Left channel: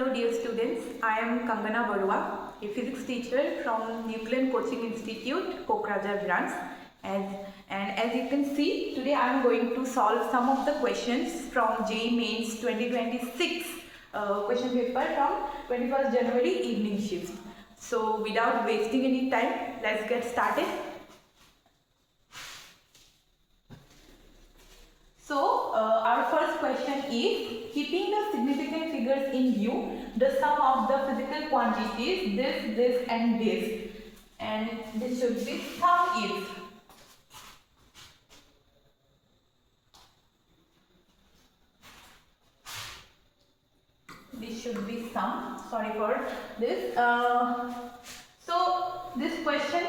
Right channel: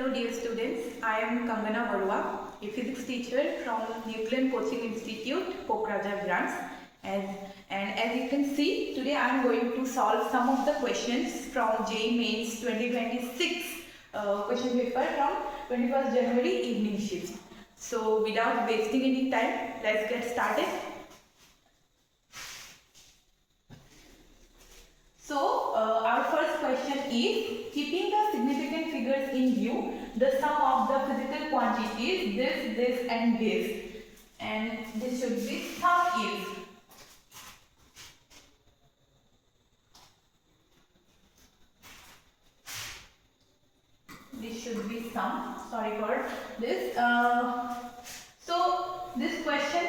Hello dear students, I am Kangana Barua, a physics teacher from Nuclean Coaching Institute, Kokrajhar branch. And as you can see, today I am going to solve some of the questions from JEE Mains 2026 question paper from 21st January evening shift. So without wasting any time, let's get started. So our first question is, keeping the significant figures in view, the sum of the physical quantities this and this, and this should be sum is. This should be sum. Sorry for this. So this question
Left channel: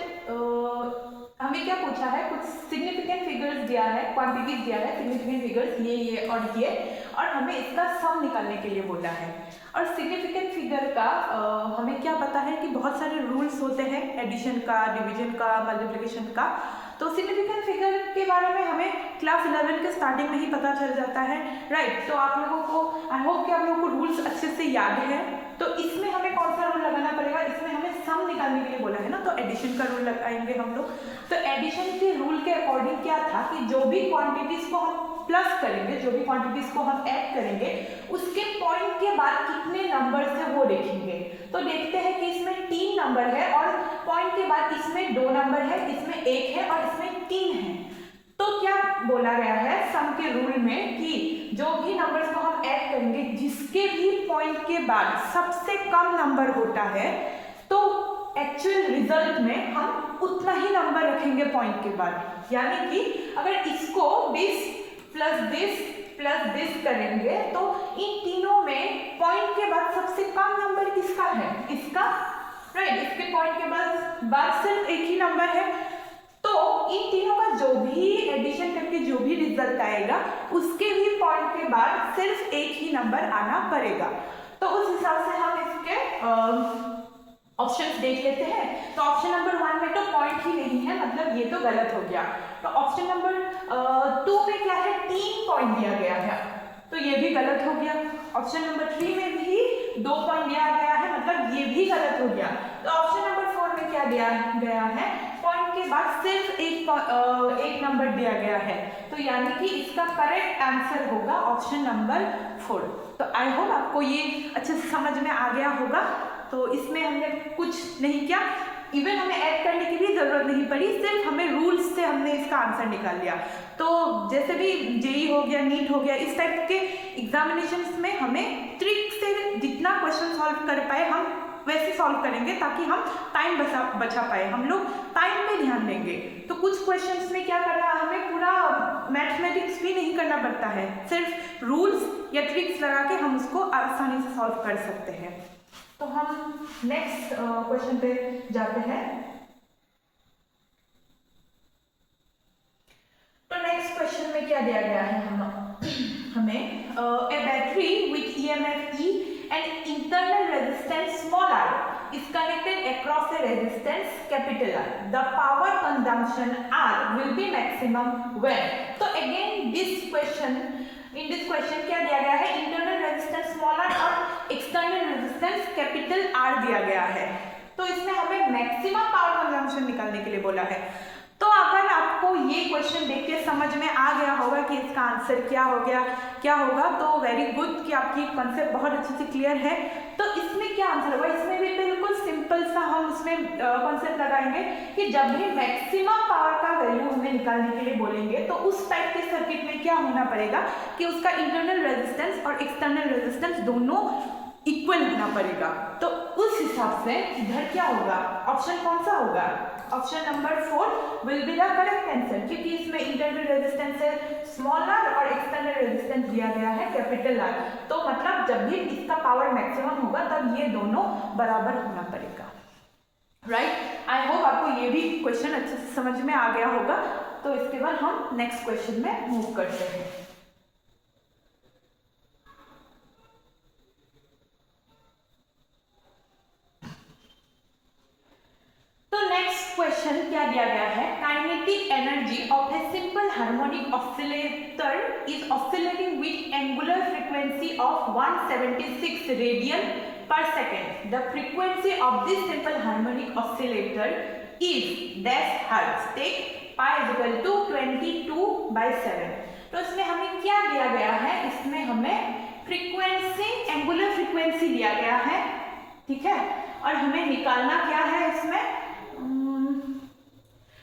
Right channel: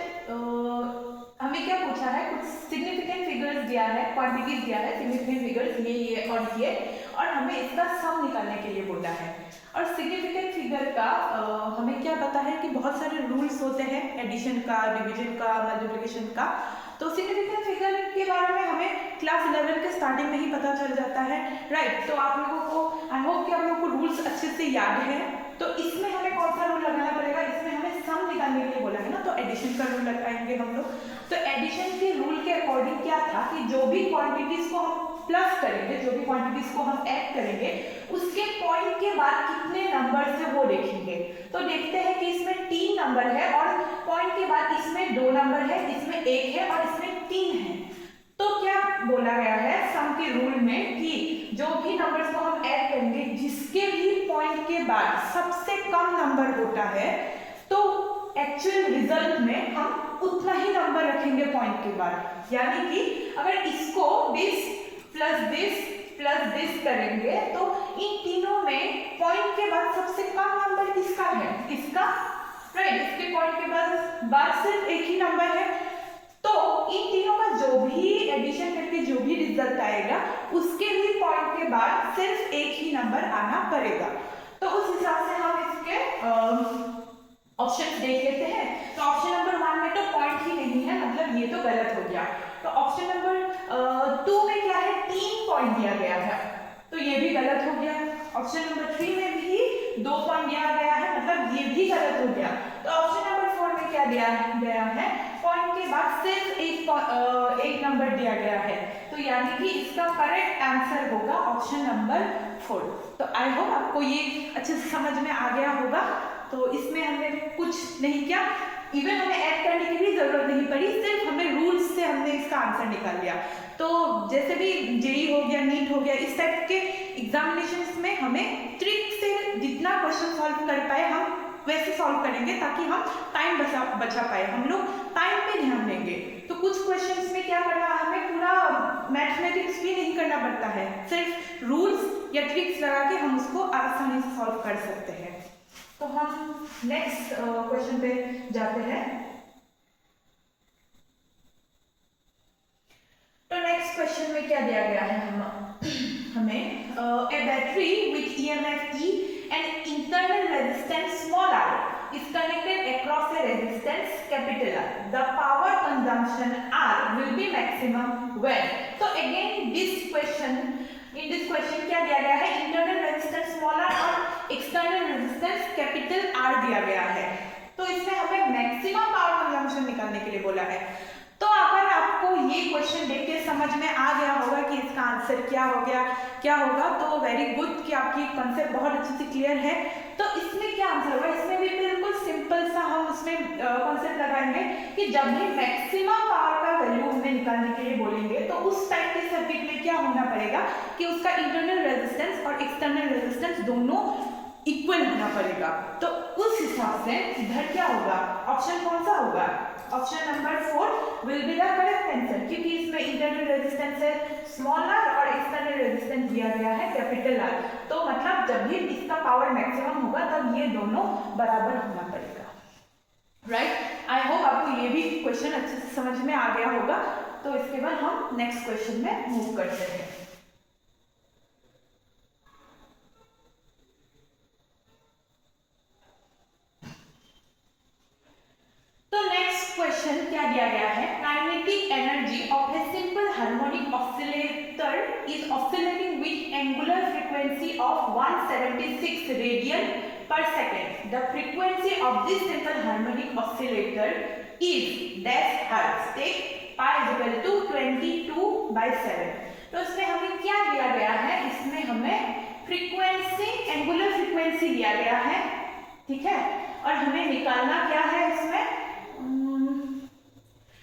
हमें क्या पूछा है, कुछ significant figures दिया है, quantities दिया है, significant figures ये और हमें इसका सम निकालने के लिए बोला है। और सिग्निफिकेंट फिगर का हमें क्या पता है कि बहुत सारे रूल्स होते हैं, एडिशन का, डिवीजन का, मल्टीप्लिकेशन का। तो सिग्निफिकेंट फिगर के बारे में हमें क्लास 11 के स्टार्टिंग में ही पता चल जाता है, राइट। तो आप लोगों को आई होप कि आप लोगों को रूल्स अच्छे से याद है। तो इसमें हमें कौन सा रूल लगाना पड़ेगा, इसमें हमें सम निकालने के लिए बोला है ना, तो एडिशन का रूल लगाएंगे हम लोग। तो एडिशन के रूल के अकॉर्डिंग क्या था कि जो भी क्वांटिटीज को हम प्लस करेंगे, जो भी क्वांटिटीज को हम ऐड करेंगे, उसके पॉइंट के बाद कितने नंबर है वो देखेंगे। तो देखते हैं कि इसमें 3 नंबर है और पॉइंट के बाद इसमें 2 नंबर है, इसमें 1 है और इसमें 3 है। तो क्या बोला गया है सम के रूल में कि जो भी नंबर्स को हम ऐड करेंगे, जिसके भी पॉइंट के बाद सबसे कम नंबर होता है, तो एक्चुअल रिजल्ट में हम उतना ही नंबर रखेंगे पॉइंट के बाद। यानी कि अगर इसको 20 प्लस दिस करेंगे तो इन तीनों में पॉइंट के बाद सबसे कम नंबर किसका है, इसका, राइट। इसके पॉइंट के बाद सिर्फ एक ही नंबर है। तो इन तीनों का जो भी एडिशन करके जो भी रिजल्ट आएगा, उसके भी पॉइंट के बाद सिर्फ एक ही नंबर आना पड़ेगा। तो उस हिसाब से हम इसके ऑप्शंस देख लेते हैं। तो ऑप्शन नंबर 1 में तो पॉइंट ही नहीं है, मतलब ये तो गलत हो गया। तो ऑप्शन नंबर 2 में क्या है, 3 पॉइंट दिया गया है, तो ये भी गलत हो गया। ऑप्शन नंबर 3 में भी 2 पॉइंट दिया गया है, मतलब ये भी गलत हो गया। तो ऑप्शन नंबर 4 में क्या दिया गया है, पॉइंट के बाद सिर्फ एक नंबर दिया गया है। तो यानी कि इसका करेक्ट आंसर होगा ऑप्शन नंबर 4। तो आई होप आपको ये अच्छे से समझ में आ गया होगा। तो इसमें हमने कुछ नहीं किया, इवन हमें ऐड करने की भी जरूरत नहीं पड़ी, सिर्फ हमें रूल्स से हमने इसका आंसर निकाल लिया। तो जैसे भी जेई हो गया, नीट हो गया, इस टाइप के एग्जामिनेशंस में हमें ट्रिक से जितना क्वेश्चन सॉल्व कर पाए हम वैसे सॉल्व करेंगे, ताकि हम टाइम बचा पाए। हम लोग टाइम पे ध्यान देंगे। तो कुछ क्वेश्चंस में क्या करना, हमें पूरा मैथमेटिक्स भी नहीं करना पड़ता है, सिर्फ रूल्स या ट्रिक्स लगा के हम उसको आसानी से सॉल्व कर सकते हैं। तो हम नेक्स्ट क्वेश्चन पे जाते हैं। तो नेक्स्ट क्वेश्चन में क्या दिया गया है हमें a battery with EMF E and internal resistance small r is connected across a resistance capital R. The power consumption R will be maximum when. तो again in this question क्या दिया गया है, इंटरनल रेजिस्टेंस स्मॉल r और external resistance capital R दिया गया है। तो इसमें हमें मैक्सिमम पावर कंजम्पशन निकालने के लिए बोला है। तो अगर आपको ये क्वेश्चन देख के समझ में आ गया होगा कि इसका आंसर क्या होगा, तो वेरी गुड कि आपकी कॉन्सेप्ट बहुत अच्छे से क्लियर है। तो इसमें क्या आंसर होगा, इसमें भी बिल्कुल सिंपल सा हम उसमें कॉन्सेप्ट लगाएंगे कि जब भी मैक्सिमम पावर का वैल्यू हमें निकालने के लिए बोलेंगे, तो उस टाइप के सर्किट में क्या होना पड़ेगा कि उसका इंटरनल रेजिस्टेंस और एक्सटर्नल रेजिस्टेंस दोनों इक्वल होना पड़ेगा। तो उस हिसाब से इधर क्या होगा, ऑप्शन कौन सा होगा, option number 4 will be the correct answer, क्योंकि इसमें इंटरनल रेजिस्टेंस है स्मॉल r और एक्सटर्नल रेजिस्टेंस दिया गया है कैपिटल R। तो मतलब जब भी इसका पावर मैक्सिमम होगा, तब ये दोनों बराबर होना पड़ेगा, राइट। आई होप आपको ये भी क्वेश्चन अच्छे से समझ में आ गया होगा। तो इसके बाद हम नेक्स्ट क्वेश्चन में मूव करते हैं। क्वेश्चन क्या दिया गया है, kinetic energy of a simple harmonic oscillator is oscillating with angular frequency of 176 radian per second. The frequency of this simple harmonic oscillator is dash hertz. Take pi is equal to 22/7. तो इसमें हमें क्या दिया गया है, इसमें हमें frequency, angular frequency दिया गया है, ठीक है, और हमें निकालना क्या है इसमें,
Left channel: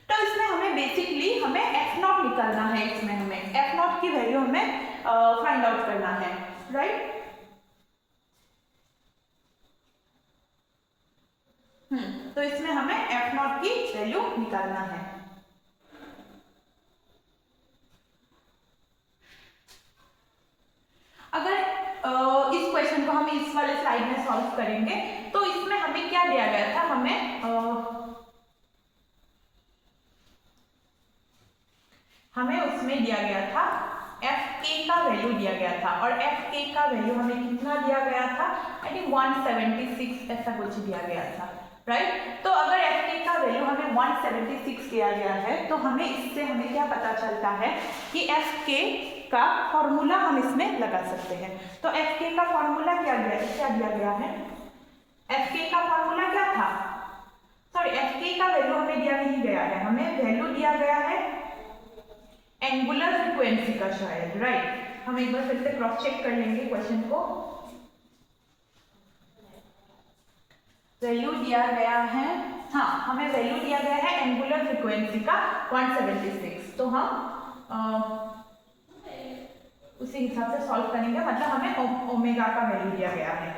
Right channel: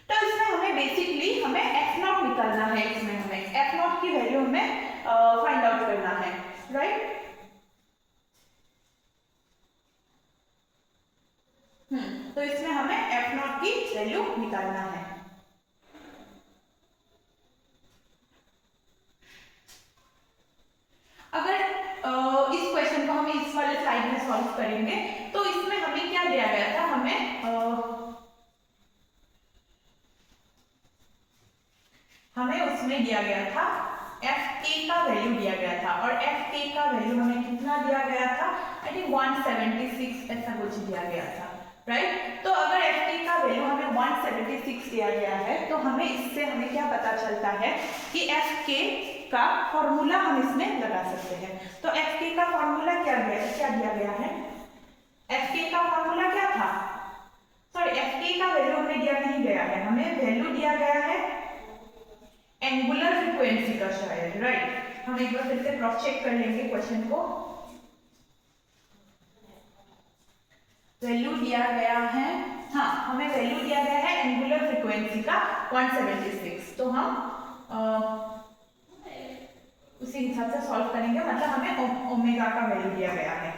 तो इसमें हमें बेसिकली हमें एफ नॉट निकालना है, इसमें हमें एफ नॉट की वैल्यू हमें फाइंड आउट करना है, राइट। तो इसमें हमें एफ नॉट की वैल्यू निकालना है। अगर इस क्वेश्चन को हम इस वाले स्लाइड में सॉल्व करेंगे तो इसमें हमें क्या दिया गया था, हमें उसमें दिया गया था एफ के का वैल्यू दिया गया था, और एफ के का वैल्यू हमें कितना दिया गया था, आई थिंक 176 ऐसा कुछ दिया गया था, राइट। तो अगर एफ के का वैल्यू हमें 176 दिया गया है तो हमें इससे हमें क्या पता चलता है कि एफ के का फॉर्मूला हम इसमें लगा सकते हैं। तो एफ के का फॉर्मूला क्या दिया गया है, एफ के का फॉर्मूला क्या था, सॉरी एफ के का वैल्यू हमें दिया नहीं गया है, हमें वैल्यू दिया गया है एंगुलर फ्रीक्वेंसी का शायद, राइट। हम एक बार फिर से क्रॉस चेक कर लेंगे क्वेश्चन को। वैल्यू दिया गया है, हाँ हमें वैल्यू दिया गया है एंगुलर फ्रीक्वेंसी का 176, तो हम उसी हिसाब से सॉल्व करेंगे, मतलब हमें ओमेगा का वैल्यू दिया गया है,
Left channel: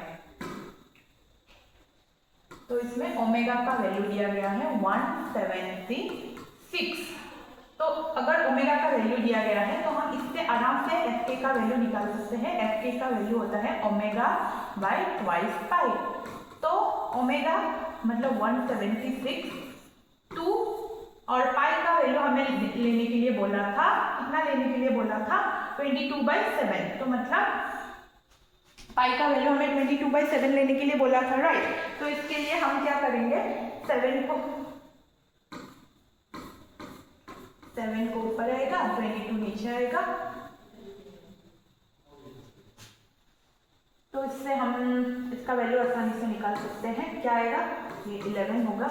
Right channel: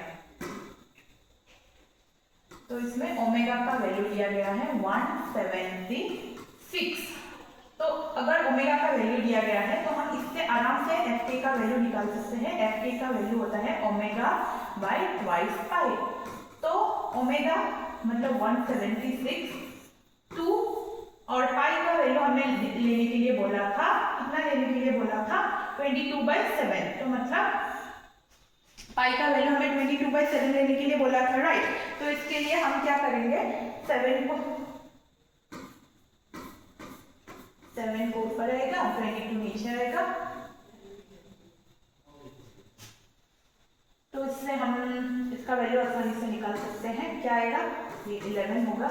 तो इसमें ओमेगा का वैल्यू दिया गया है 176। तो अगर ओमेगा का वैल्यू दिया गया है तो हम इससे आराम से एफ के का वैल्यू निकाल सकते हैं। एफ के का वैल्यू होता है ओमेगा बाई ट्वाइस पाई, तो ओमेगा मतलब 176 2, और पाई का वैल्यू हमें लेने के लिए बोला था, कितना लेने के लिए बोला था, 22/7, तो मतलब पाई का वैल्यू हमें 22/7 लेने के लिए बोला था, राइट। तो इसके लिए हम क्या करेंगे, 7 को ऊपर आएगा, 22 नीचे आएगा, तो इससे हम इसका वैल्यू आसानी से निकाल सकते हैं। क्या आएगा, ये 11 होगा,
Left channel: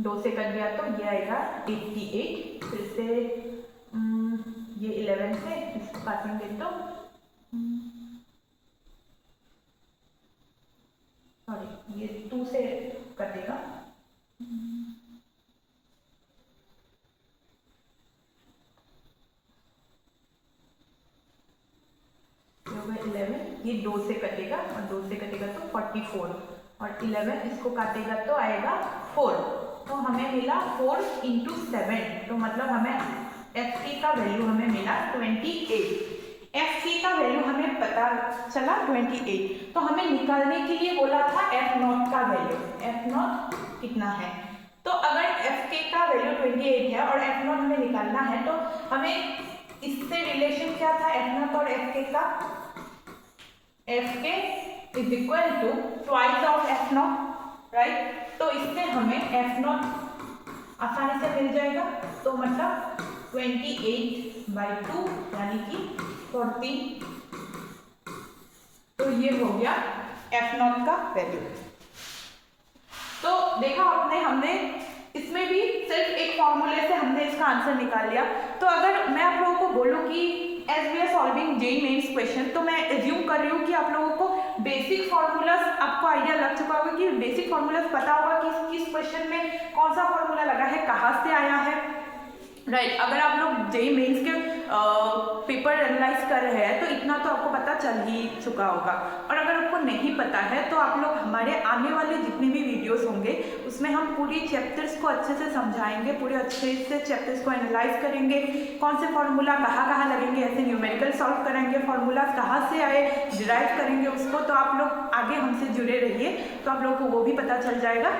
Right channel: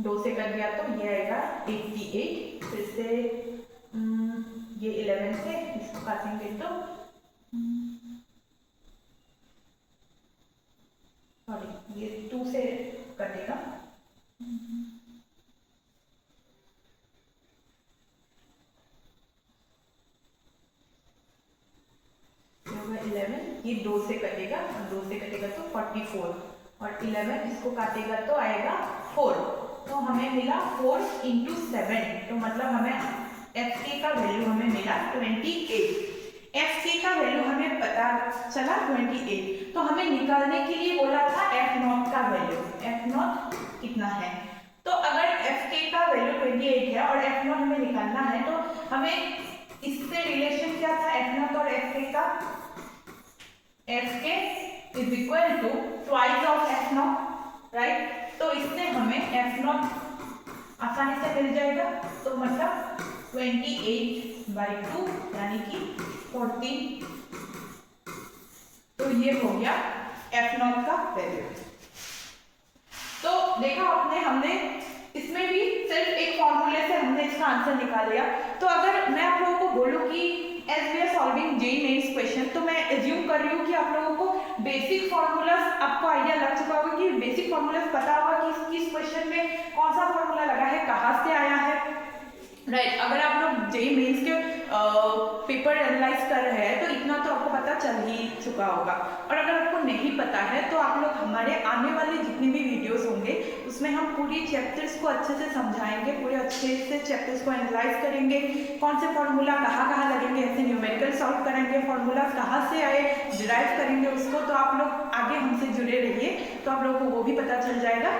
2 से कर दिया तो ये आएगा 88, फिर से ये 11 से इसको काटेंगे तो सॉरी ये 2 से कटेगा, होगा 11, ये 2 से कटेगा और 2 से कटेगा तो 44, और 11 इसको काटेगा तो आएगा 4, तो हमें मिला 4 × 7, तो मतलब हमें एफ के का वैल्यू हमें मिला 28। एफ के का वैल्यू हमें पता चला 28, तो हमें निकालने के लिए बोला था एफ नॉट का वैल्यू, एफ नॉट कितना है, तो अगर एफ के का वैल्यू 28 है और एफ नॉट हमें निकालना है तो हमें इससे रिलेशन क्या था एफ नॉट और एफ के का, एफ के is equal to twice of F naught, right. तो इससे हमें एफ नॉट आसानी से मिल जाएगा, तो मतलब 28/2 यानी कि 14, तो ये हो गया एफ नॉट का वैल्यू। तो देखा आपने, हमने इसमें भी सिर्फ एक फॉर्मूले से हमने इसका आंसर निकाल लिया। तो अगर मैं आप लोगों को बोलूँ कि as we are solving JEE mains question, तो मैं एज्यूम कर रही हूँ कि आप लोगों को बेसिक फॉर्मूलाज आपको आइडिया लग चुका होगा, कि बेसिक फॉर्मूलाज पता होगा कि किस क्वेश्चन में कौन सा फॉर्मूला लगा है, कहाँ से आया है, राइट। अगर आप लोग जेईई मेंस के पेपर एनालाइज कर रहे हैं तो इतना तो आपको पता चल ही चुका होगा, और अगर आपको नहीं पता है तो आप लोग हमारे आने वाले जितने भी वीडियोस होंगे उसमें हम पूरी चैप्टर्स को अच्छे से समझाएंगे, पूरे अच्छे से चैप्टर्स को एनालाइज करेंगे, कौन से फॉर्मूला कहाँ लगेंगे, ऐसे न्यूमेरिकल सॉल्व कराएंगे, फॉर्मूला कहाँ से आए डिराइव करेंगे उसको। तो आप लोग आगे हमसे जुड़े रहिए तो आप लोग को वो भी पता चल जाएगा।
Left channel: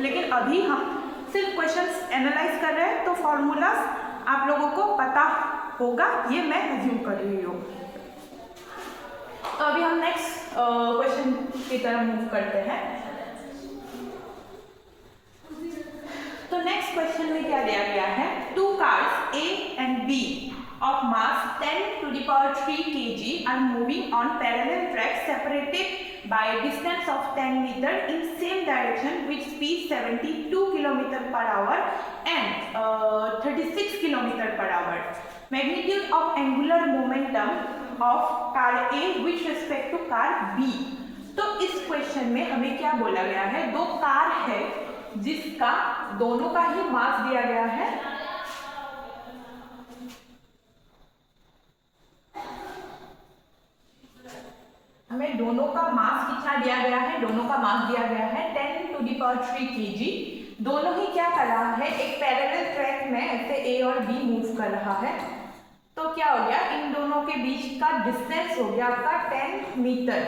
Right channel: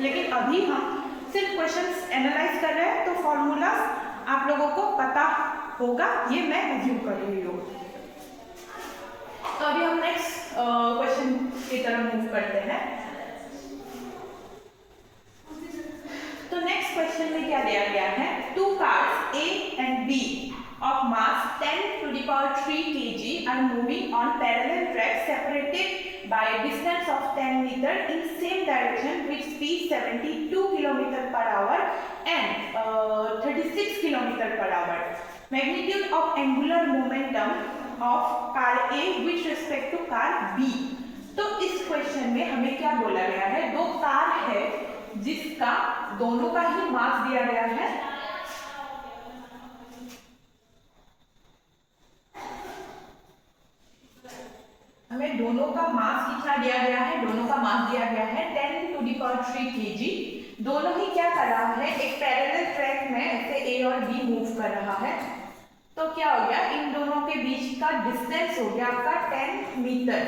लेकिन अभी हम सिर्फ क्वेश्चंस एनालाइज कर रहे हैं, तो फॉर्मूलाज आप लोगों को पता होगा, ये मैं अज्यूम कर रही हूँ। तो अभी हम नेक्स्ट क्वेश्चन की तरफ मूव करते हैं। तो नेक्स्ट क्वेश्चन में क्या दिया गया है, two cars A and B of mass 10 to the power 3 kg are moving on parallel tracks separated by a distance of 10 meter in same direction with speed 72 km per hour and 36 km per hour. Magnitude of angular momentum of car A with respect to car B. तो इस question में हमें क्या बोला गया है, दो car है जिसका दोनों का ही मास दिया गया है, हमें दोनों का मास कितना दिया गया है, दोनों का मास दिया गया है 10 to the power 3 kg। दोनों ही क्या कर रहा है, एक पैरेलल ट्रैक में ऐसे A और B मूव कर रहा है। तो क्या हो गया, इन दोनों के बीच का डिस्टेंस हो गया आपका 10 मीटर,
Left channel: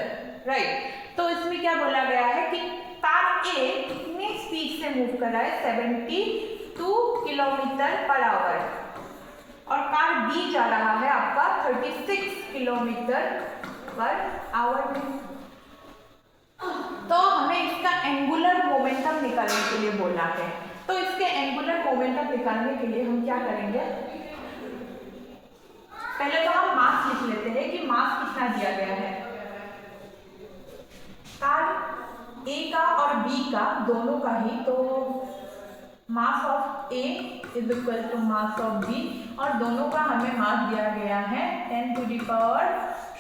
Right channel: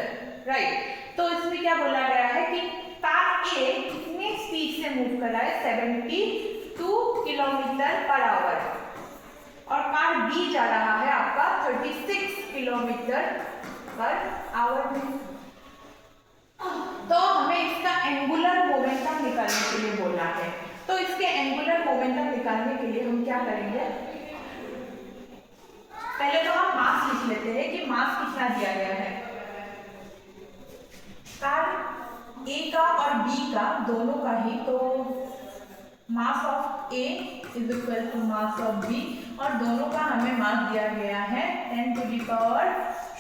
राइट। तो इसमें क्या बोला गया है कि कार A कितनी स्पीड से मूव कर रहा है, 72 किलोमीटर पर आवर, और कार B जा रहा है आपका 36 किलोमीटर पर आवर में। तो हमें इसका एंगुलर मोमेंटम निकालने के लिए बोला है। तो इसके एंगुलर मोमेंटम निकालने के लिए हम क्या करेंगे, पहले तो हम मास लिख लेते हैं कि मास कितना दिया गया है। कार A का और B का दोनों का ही, तो mass of A is equal to mass of B, और दोनों का हमें मास दिया गया है 10 to the power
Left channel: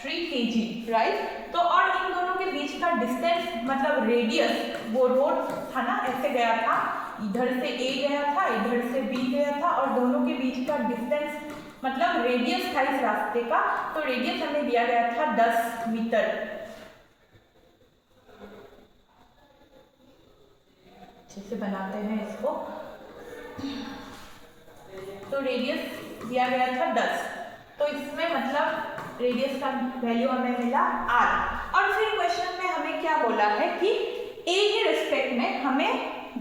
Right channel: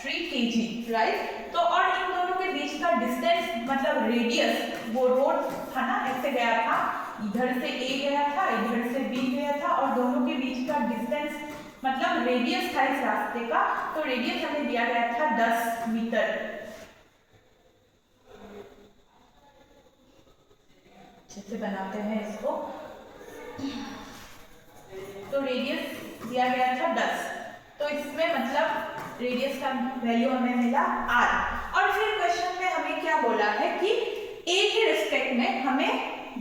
3 kg, right. तो और इन दोनों के बीच का डिस्टेंस मतलब रेडियस, वो रोड था ना, ऐसे गया था, इधर से A गया था, इधर से B गया था, और दोनों के बीच का डिस्टेंस मतलब रेडियस था इस रास्ते का। तो रेडियस हमें दिया गया था 10 मीटर। अच्छे से बनाते हैं इसको। तो रेडियस दिया गया था 10, तो इसमें मतलब रेडियस का वैल्यू हमें मिला r। और फिर क्वेश्चन में हमें क्या बोला है कि A के रिस्पेक्ट में हमें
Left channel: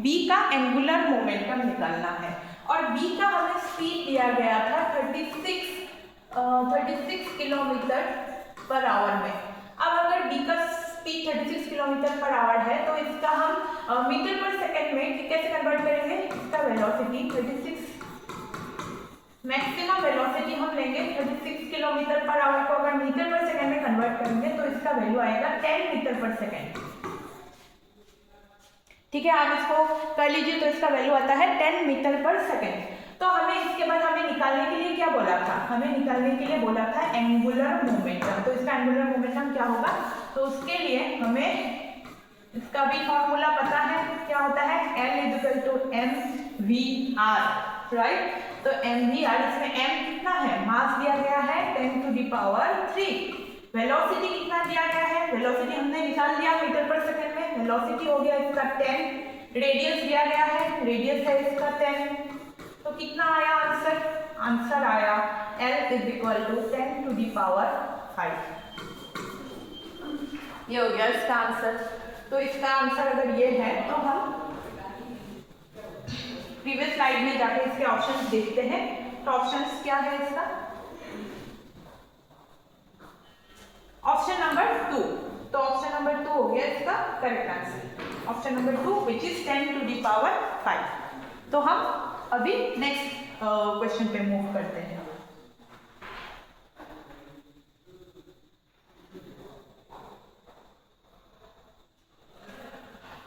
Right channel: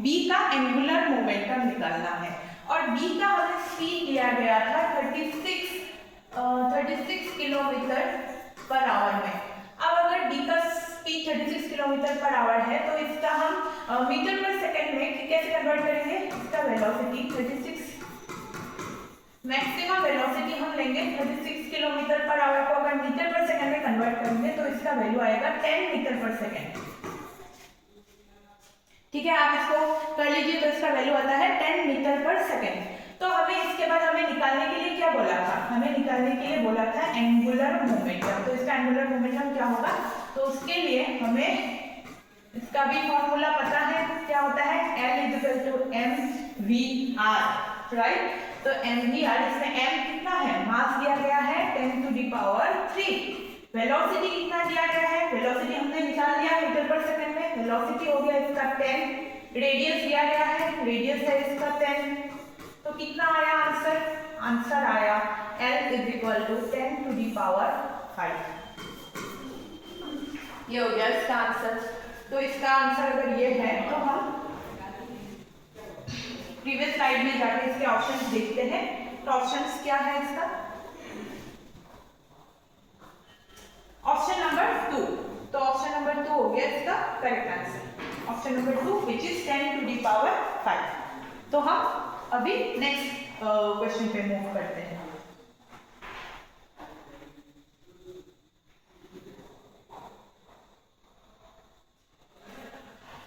B का एंगुलर मोमेंटम निकालना है, और B का हमें स्पीड दिया गया था 36 किलोमीटर पर आवर में। अब अगर B का स्पीड 36 किलोमीटर पर आवर है तो इसका हम मीटर पर सेकंड में कैसे कन्वर्ट करेंगे, इसका वेलोसिटी 36 मैक्सिमम वेलोसिटी हम लेंगे 36 किलोमीटर पर आवर को अगर मीटर पर सेकंड में कन्वर्ट करेंगे तो इसका वैल्यू आएगा 10 मीटर पर सेकंड। ठीक है, आप इसको कर लीजिए, तो इसका वैल्यू आता है 10 मीटर पर सेकंड। तो हमें इसके बाद हमें निकालने के लिए क्या बोला था, हमें निकालने के लिए बोला था एंगुलर मोमेंटम। तो इसका एंगुलर मोमेंटम क्या होगा, तो उसके लिए हमें इसका भी फॉर्मूला पता है, क्या होता है, L = mvr, राइट। तो mvr, इसमें m कितना है, मास दिया गया है 10 to the power 3। वेलोसिटी कितना दिया गया है, वेलोसिटी हमने निकाल लिया मीटर पर सेकंड में, वेलोसिटी हो गया इसका 10, रेडियस दिया गया है, रेडियस है इसका 10। तो कितना आया आंसर, आंसर आया L = 10 to the power 5। ये हो गया इसका आंसर। तो इसका आंसर अगर ये है तो हम प्रीवियस स्लाइड में जाकर इसके ऑप्शंस देखते हैं। तो ऑप्शंस क्या है इसका, ऑप्शन नंबर 2। तो ऑप्शन नंबर 2 हो गया इसका correct answer, option number 2 which is 10 to the power 5। तो हम अभी नेक्स्ट क्वेश्चन पे मूव करते हैं।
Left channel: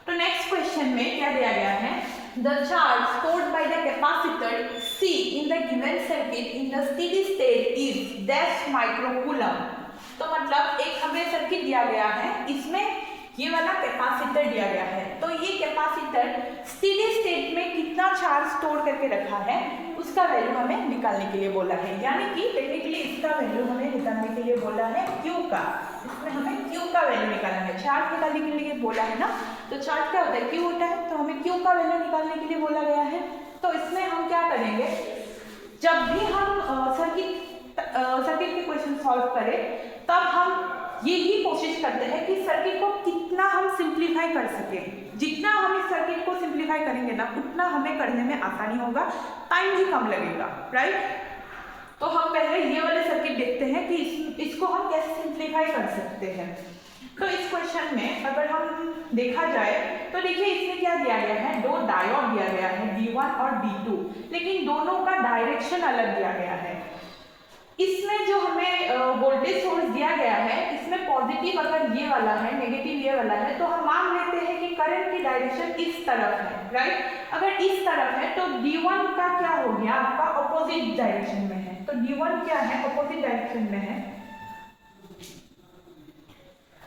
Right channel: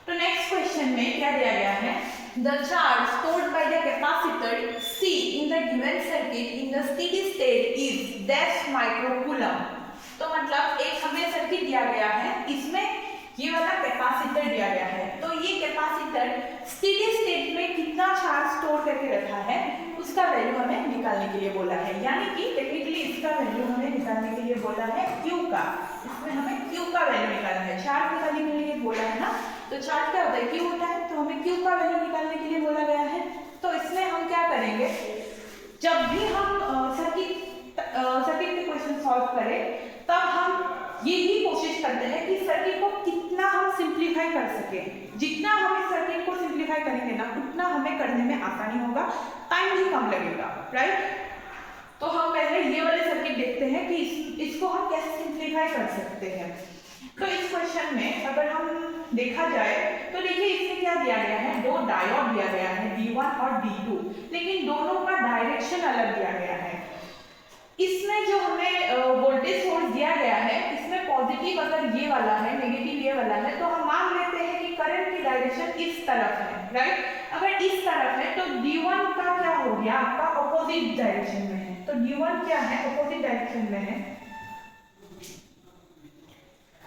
तो नेक्स्ट क्वेश्चन में क्या दिया गया है, the charge stored by the capacitor C in the given circuit in the steady state is dash microcoulomb। तो मतलब एक हमें सर्किट दिया गया है, इसमें ये वाला कैपेसिटर दिया गया है। तो ये कैपेसिटर स्टेडी स्टेट में कितना चार्ज स्टोर करके रखा है उसका वैल्यू हमें निकालने के लिए बोला है, यानी कि टेक्निकली इसका वैल्यू हमें निकालने के लिए बोला है Q का। इसमें हमें Q का वैल्यू निकालना है, चार्ज निकालने के लिए बोला है ना। तो चार्ज क्या होता है, Q होता है, तो हमें Q का वैल्यू निकालने के लिए बोला गया है। तो इसमें हम क्या करेंगे, जब भी हम सर्किट के क्वेश्चन सॉल्व करें तब हम यही कोशिश करते हैं कि सर्किट को कितना हम सिंप्लीफाई कर सकें। जितना हम इस सर्किट को सिंप्लीफाई करेंगे ना, उतना हमें करने में आसानी होगा, टाइम भी कम लगेगा, राइट। तो हम पहले ये वाले सर्किट देखते हैं कि इसको हम कैसे सिंप्लीफाई कर सकते हैं। तो इस क्वेश्चन में अगर हम देखा जाए तो देखिए इसमें क्या दिया गया है, दो डायोड दिया गया है D1 और D2, लेकिन दोनों का डायरेक्शन अलग दिया गया है। इसमें जो हमें वोल्टेज सोर्स दिया गया है, इसमें पॉजिटिव अगर ये वाला है, नेगेटिव ये वाला है, तो हम मान लेते हैं कि करंट की डायरेक्शन इस तरफ है, राइट। अगर इस तरफ है तो D1 का क्या हो गया, आपका ऑपोजिट डायरेक्शन में है। तो D1 क्या है, ऑपोजिट डायरेक्शन में है।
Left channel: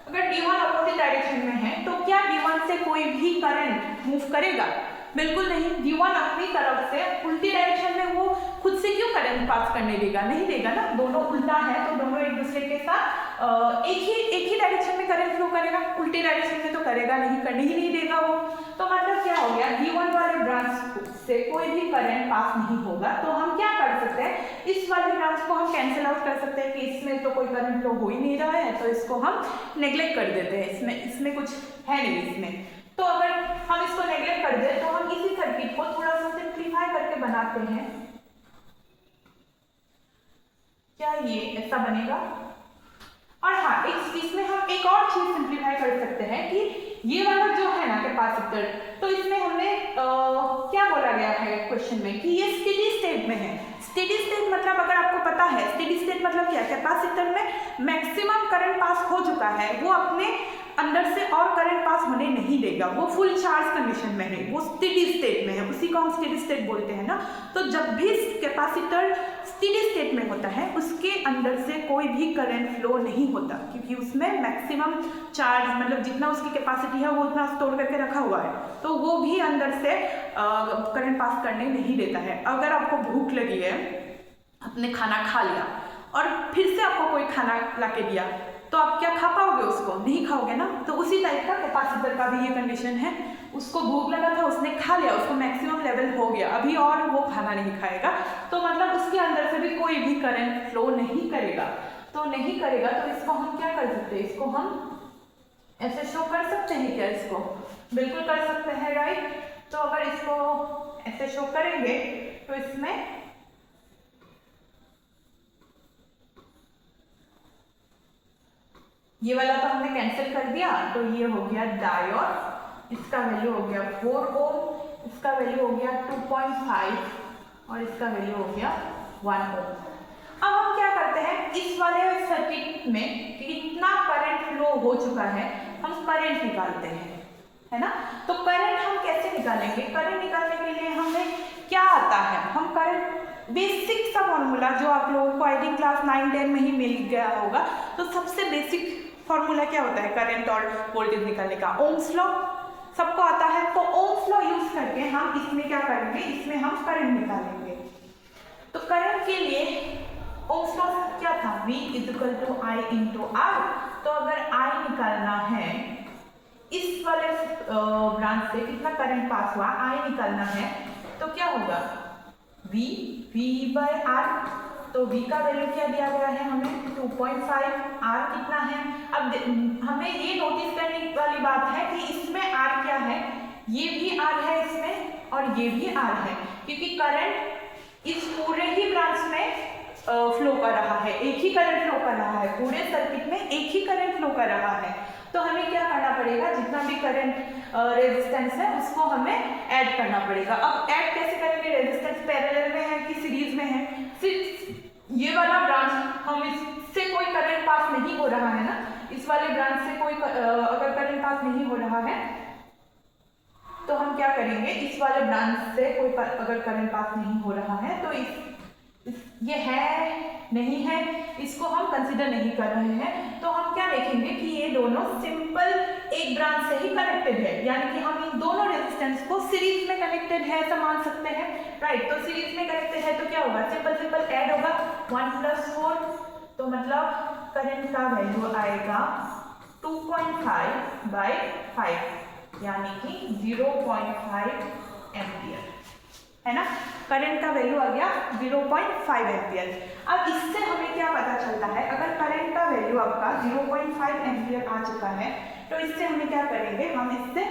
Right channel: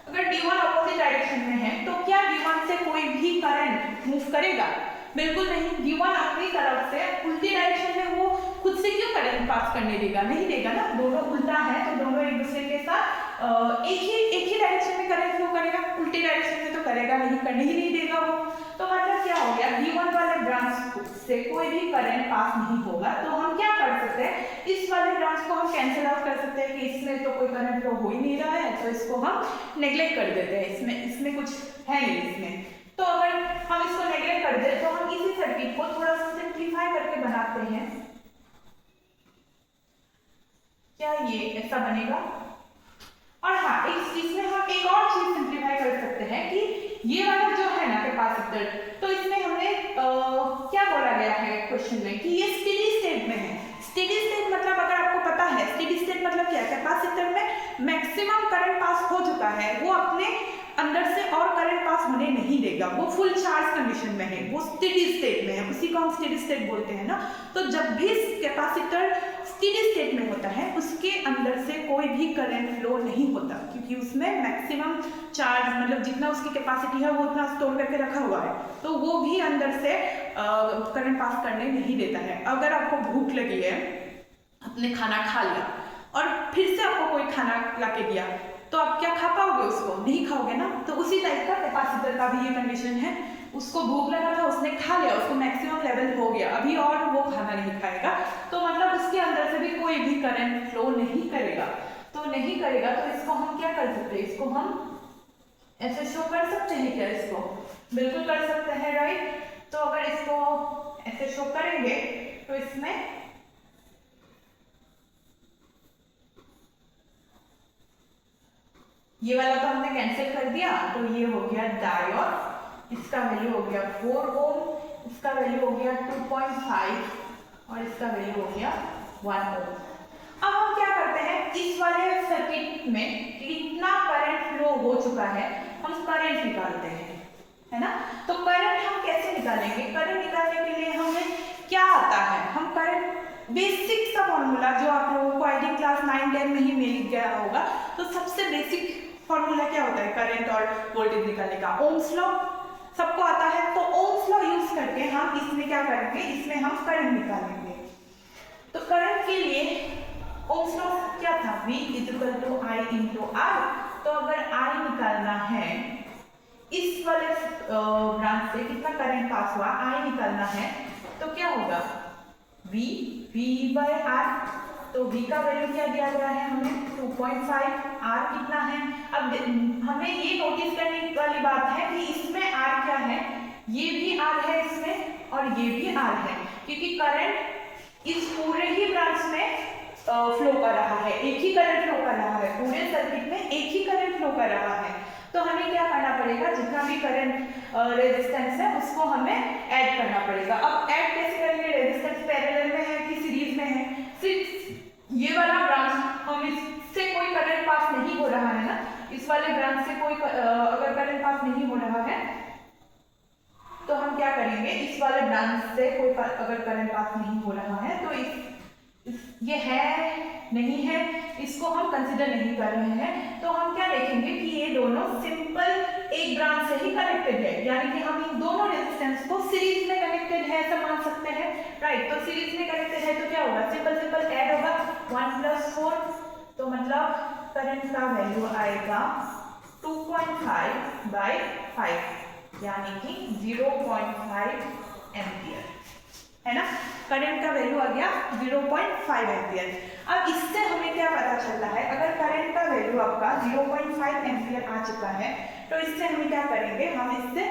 अगर D1 ऑपोजिट डायरेक्शन में है तो क्या D1 से कोई भी करंट मूव करेगा? बिल्कुल नहीं। D1 अपनी तरफ से उल्टी डायरेक्शन में वो खुद से क्यों करंट पास करने देगा, नहीं देगा ना। दोनों उल्टा है तो दोनों एक दूसरे के साथ एक ही डायरेक्शन में करंट फ्लो करेगा, उल्टी डायरेक्शन में तो करेगा नहीं, करने ही नहीं देगा वो। तो मतलब क्या हो गया, D1 वाले ब्रांच से कोई भी करंट पास नहीं होगा। तो हम क्या कर सकते हैं, इस वाले ब्रांच को हम कैंसिल आउट कर सकते हैं कि इसमें तो कोई करंट फ्लो हो ही नहीं रहा है, तो इसको हम नेग्लेक्ट कर देते हैं, इसमें कुछ है नहीं इसमें। तो अगर हम इसको नेग्लेक्ट कर दें तो हम इसी सर्किट को थोड़ा सा सिंप्लीफाई करके बनाते हैं। क्या ये ऐसा बनेगा? और हाँ, इसमें हम एक और चीज सिंप्लीफाई कर सकते हैं कि ये वाला जो है ना कैपेसिटर, तो इसमें हमने क्या बोला गया है क्वेश्चन में कि ये स्टेडी स्टेट में है। स्टेडी स्टेट मतलब अगर आपको पता है, स्टेडी स्टेट मतलब क्या, कैपेसिटर में मैक्सिमम करंट पास हो चुका है, वो अपने अंदर से और करंट पास होने नहीं देगा, वो फुल चार्ज कंडीशन में है, वो स्टेडी स्टेट में है, उसी को हम स्टेडी स्टेट बोलते हैं ना। तो जब भी कैपेसिटर स्टेडी स्टेट में होता है, उसके अंदर से कोई भी करंट फ्लो नहीं होता, क्योंकि उसमें मैक्सिमम चार्ज मतलब जितना उसकी कैपेसिटी है वो उतना स्टोर करके रखा हुआ है, तो वो भी अंदर से करंट पास करने नहीं देता है। अगर आपको भूख लगी है, आपने खाना खा लिया और फिर से आपको कोई खाना ला के दिया, तो आप क्या खा पाओगे? उसको नहीं खाओगे ना। तो उसी टाइप का कैपेसिटर का भी ये कंडीशन है, उसको भूख लगा था, उसने खा लिया, उसको मैक्सिमम लेवल हो गया, अभी और वो खाना नहीं खाएगा, तो मतलब उसके अंदर से भी कोई भी करंट फ्लो नहीं करेगा। तो नहीं करेगा तो इसको हम क्या कर सकते हैं, इसको हम ऐसे शो कर सकते हैं क्या? इसको बिल्कुल कर सकते हैं, राइट। तो अगर इसको ऐसे शो करेंगे तो इसमें ये वाला तो हमने कैंसिल कर दिया, तो ये हो गया डायोड, इसका वैल्यू हो गया 4 ओम, इसका वैल्यू हो गया 2.5 और इसका वैल्यू हो गया 1 ओम। अब हम क्या करते हैं, इस वाले सर्किट में कितना करंट फ्लो हो चुका है, हम करंट निकालते हैं, है ना। तो करंट हम कैसे निकालेंगे? करंट निकालने के लिए हमें क्या आता है, हम करंट बेसिक सा फॉर्मूला जो आप लोगों को आई थिंक क्लास 9-10 में ही मिल गया होगा, तो सबसे बेसिक फॉर्मूला क्या होता है करंट और वोल्टेज निकालने का? ओम्स लॉ सबको आता है। तो ओम्स लॉ यूज करके हम इसमें क्या करेंगे, इसमें हम करंट निकालेंगे। तो करंट के लिए ओम्स लॉ क्या था, V = I × R। तो अगर I निकालना है, इस वाले ब्रांच से कितना करंट पास हुआ, I निकालना है, तो क्या होगा, V/R। तो V का वैल्यू क्या दिया गया है हमें, 2.5। R कितना है, अब हमें ये नोटिस करने वाली बात है कि इसमें R क्या है, ये भी R है इसमें और ये भी R है, क्योंकि करंट इस पूरे ही ब्रांच में फ्लो कर रहा है, एक ही करंट फ्लो कर रहा है, पूरे सर्किट में एक ही करंट फ्लो कर रहा है। तो हमें क्या करना पड़ेगा, जितना भी करंट रेजिस्टेंस है उसको हमें ऐड करना पड़ेगा। अब ऐड कैसे करेंगे, रेजिस्टेंस पैरेलल में है कि सीरीज में है, ये वाला ब्रांच हम इससे कोई करंट पास नहीं हो रहा है ना, इस वाले ब्रांच से कोई अगर करंट पास नहीं हो रहा है तो हम क्या करेंगे, इस वाले ब्रांच से कोई अगर करंट पास नहीं हो रहा है तो ये है नहीं है, इसको हम कंसिडर नहीं कर रहे हैं। तो हम क्या देखेंगे कि ये दोनों सिंपल एक ब्रांच से ही कनेक्टेड है, यानी कि हम इन दोनों रेजिस्टेंस को सीरीज में कनेक्टेड है ऐसा मान सकते हैं, राइट। तो सीरीज में कनेक्टेड है तो क्या होगा, सिंपल ऐड होगा 1 + 4, तो मतलब करंट का वैल्यू आएगा 2.5/5 यानी कि 0.5 एम्पियर, है ना। करंट का वैल्यू आ गया 0.5 एम्पियर। अब इससे हमें क्या पता चलता है, अगर करंट का वैल्यू आपका 0.5 एम्पियर आ चुका है तो इससे हमें क्या करेंगे, हम इससे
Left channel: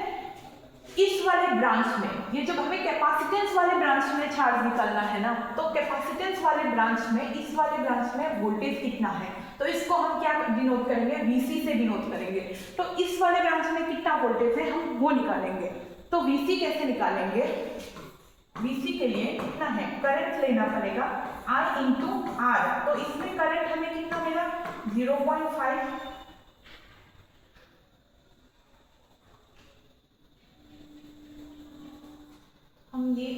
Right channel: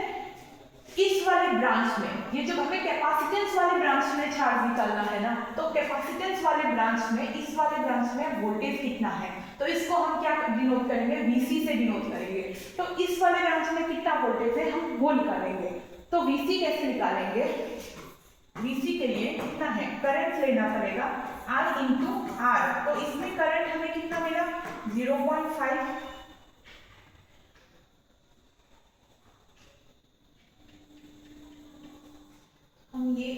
इस वाले ब्रांच में, ये जब हमें कैपेसिटेंस वाले ब्रांच में चार्ज निकालना है ना, तो कैपेसिटेंस वाले ब्रांच में, इस वाले ब्रांच में वोल्टेज कितना है, तो इसको हम क्या डिनोट करेंगे, VC से डिनोट करेंगे। तो इस वाले ब्रांच में कितना वोल्टेज है हम वो निकालेंगे। तो VC कैसे निकालेंगे, VC के लिए कितना है, करंट लेना पड़ेगा I इंटू R। तो इसमें करंट हमें कितना मिला 0.5, हम ये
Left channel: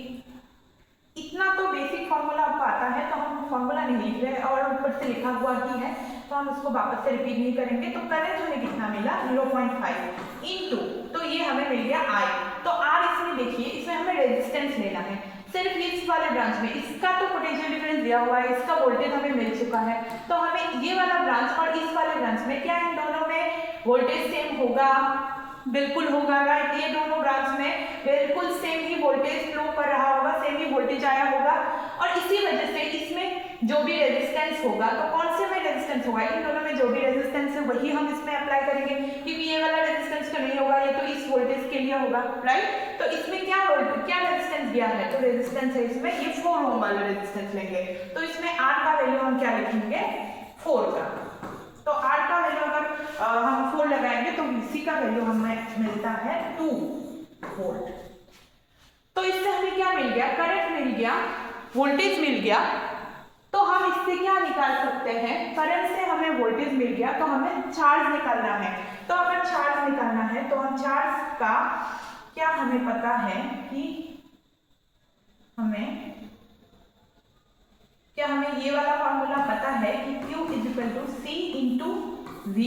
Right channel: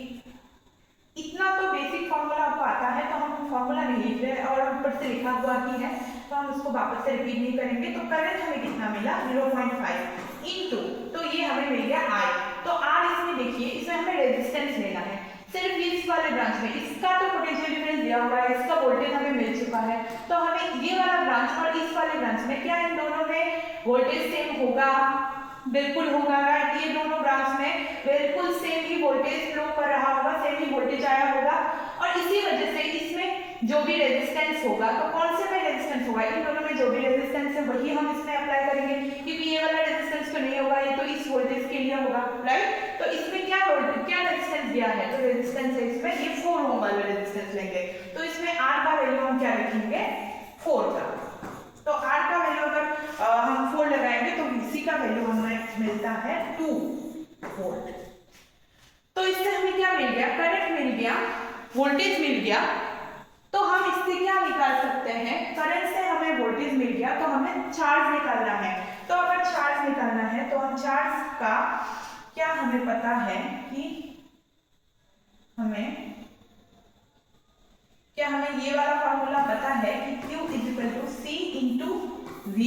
इतना तो बेसिक फॉर्मूला आपको आता है तो हम फॉर्मूला नहीं लिख रहे और ऊपर से लिखा हुआ ही है तो हम इसको वापस से रिपीट नहीं करेंगे। तो करंट हमें कितना मिला 0.5 इनटू, तो ये हमें मिल गया I। तो R इसमें देखिए, इसमें हमें रेजिस्टेंस लेना है सिर्फ इस वाले ब्रांच में, इसका तो पोटेंशियल डिफरेंस दिया हुआ है, इसका वोल्टेज हमें मिल चुका है। तो हमें ये वाला ब्रांच और इस वाले ब्रांच में क्या इन दोनों में वोल्टेज सेम होगा, बिल्कुल होगा। ये दोनों ब्रांच में बिल्कुल सेम ही वोल्टेज फ्लो कर रहा होगा, सेम ही वोल्टेज आया होगा और इसी वजह से इसमें जो भी रेजिस्टेंस होगा, तो कौन से में रेजिस्टेंस होगा, इन दोनों में जो भी रेजिस्टेंस है वही हम इसमें अप्लाई करेंगे, क्योंकि ये वाला रेजिस्टेंस तो नहीं होगा, ये तो इस वोल्टेज के लिए होगा, राइट। तो इसमें क्या रेजिस्टेंस दिया है, तो रेजिस्टेंस है इसमें ये 4 ओम वाला रेजिस्टेंस लेंगे। तो इसमें R का वैल्यू हम क्या लिखेंगे 4 का। तो R का वैल्यू अगर हम 4 लगाएंगे तो VC का वैल्यू हमें मिलता है 2 वोल्ट। तो इससे हमें क्या मिल गया, करंट मिल गया, वोल्टेज मिल गया। तो हम इससे क्या निकाल सकते हैं, करंट से हमें वोल्टेज मिल गया तो हमें चार्ज निकालना है। तो अगर चार्ज निकालना है तो हम चार्ज का क्या हमें पता है कि हमें ये वाला फॉर्मूला पता है कि Q equal to C into V।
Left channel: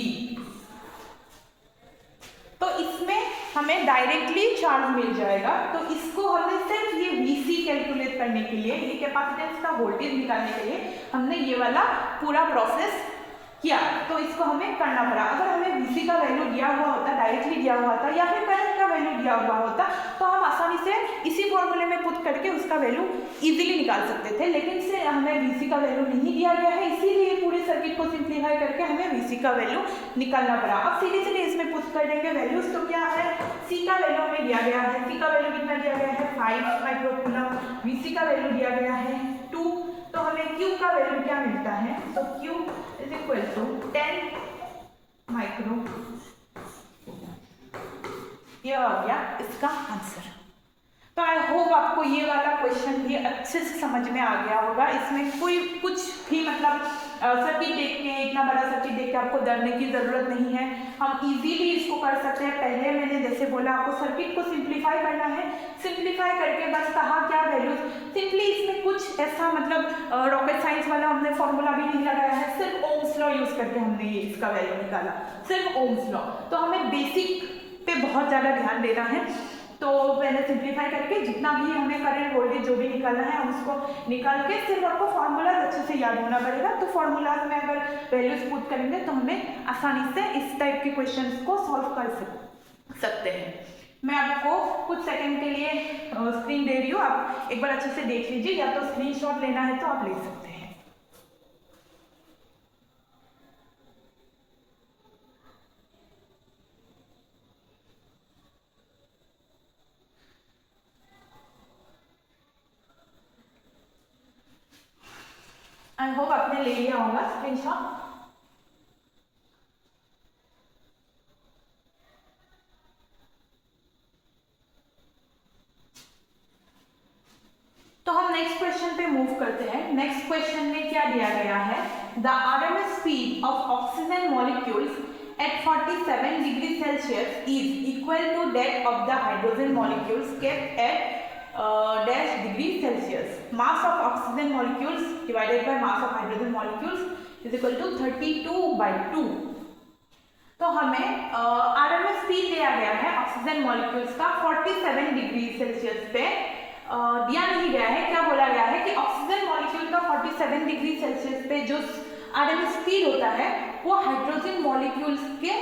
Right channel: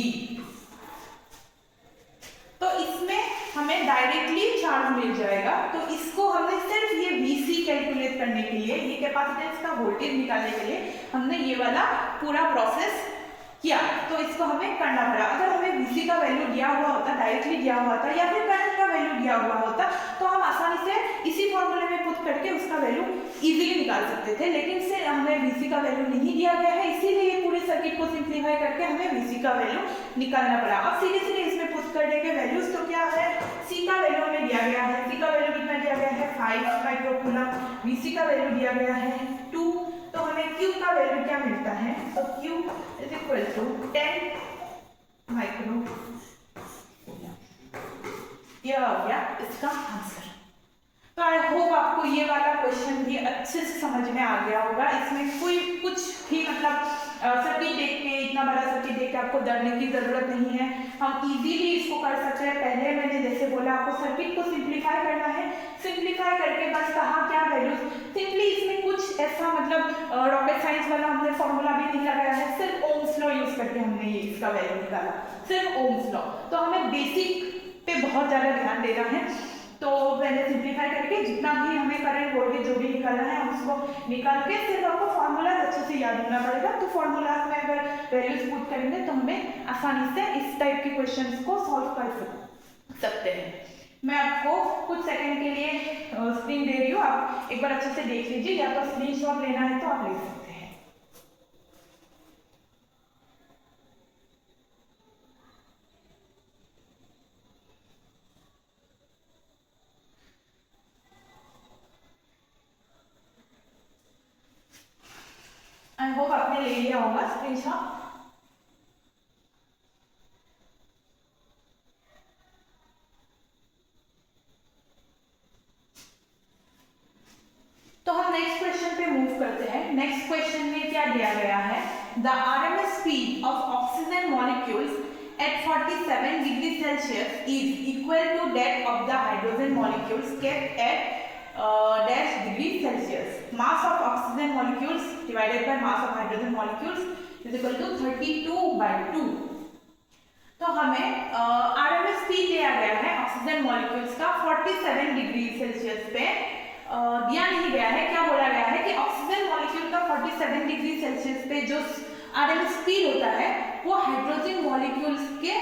तो इसमें हमें डायरेक्टली चार्ज मिल जाएगा। तो इसको हमने सिर्फ ये VC कैलकुलेट करने के लिए, ये कैपेसिटेंस का वोल्टेज निकालने के लिए हमने ये वाला पूरा प्रोसेस किया। तो इसको हमें करना पड़ा। अगर हमें VC का वैल्यू दिया हुआ होता, डायरेक्टली दिया हुआ था, या फिर करंट का वैल्यू दिया हुआ होता, तो हम आसानी से इसी फॉर्मूले में पुट करके उसका वैल्यू इजीली निकाल सकते थे। लेकिन से हमें VC का वैल्यू नहीं दिया गया है, इसीलिए पूरे सर्किट को सिंप्लीफाई करके हमें VC का वैल्यू निकालना पड़ा। अब सीधे सीधे इसमें पुट कर देंगे वैल्यूज। तो क्या है, C का वैल्यू हमें दिया गया है, C का वैल्यू कितना दिया गया है 5 माइक्रोकूलम, VC का वैल्यू दिया गया है 2। तो हमें Q का वैल्यू क्या मिलता है, तो Q is equal to 10 micro. ये आ गया इसका आंसर। तो आई होप आपको ये वाला क्वेश्चन भी अच्छे से समझ में आ गया होगा। इसमें कोई कुछ भी मतलब सर्किट देख के, इतना बड़ा सर्किट देख के आपको डरने की जरूरत नहीं है। हम इजीली इसको कर सकते हैं। पहले मैंने जैसे बोला आपको सर्किट को सिंप्लीफाई करना है, सिंप्लीफाई करके बस कहा क्या वैल्यूज, सिंपली इसमें कुछ ऐसा मतलब रॉकेट साइंस वाला हमने फॉर्मूला भी नहीं लगाया है, सिर्फ ओम्स लॉ यूज करके हमने ये इसका वैल्यू निकाला, सिर्फ ओम्स लॉ। तो हमें बेसिक पे बहुत ज्यादा ध्यान देना है। तो पहले सिंप्लीफाई करके जितना भी हमें करंट वोल्टेज जो भी निकालना है हम उसको निकाल के सिर्फ आपको फार्मूला अच्छे से याद होना पड़ेगा। तो फार्मूलाज में अगर वैल्यूज पुट करेंगे तो हमें आसानी से इस टाइप के क्वेश्चंस को सॉल्व कर सकते हैं। मैं आपको कुछ सेकंड के लिए स्क्रीन दे रही हूँ, आप एक बार अच्छे से देख लीजिए, या तो स्क्रीनशॉट लेना है तो आप ले सकते हैं। आई होप आपने ले लिया होगा स्क्रीनशॉट। तो हम नेक्स्ट क्वेश्चन पे मूव करते हैं। नेक्स्ट क्वेश्चन में क्या दिया गया है, the RMS speed of oxygen molecules at 47 degrees Celsius is equal to that of the hydrogen molecules kept at dash degree Celsius. Mass of oxygen molecules divided by mass of hydrogen molecules is equal to 32/2. तो हमें RMS speed दिया गया है oxygen molecules का 47 degree Celsius पे दिया नहीं गया है। क्या बोला गया है कि ऑक्सीजन मॉलिक्यूल का 47 डिग्री सेल्सियस पे जो आरएमएस स्पीड होता है वो हाइड्रोजन मॉलिक्यूल्स के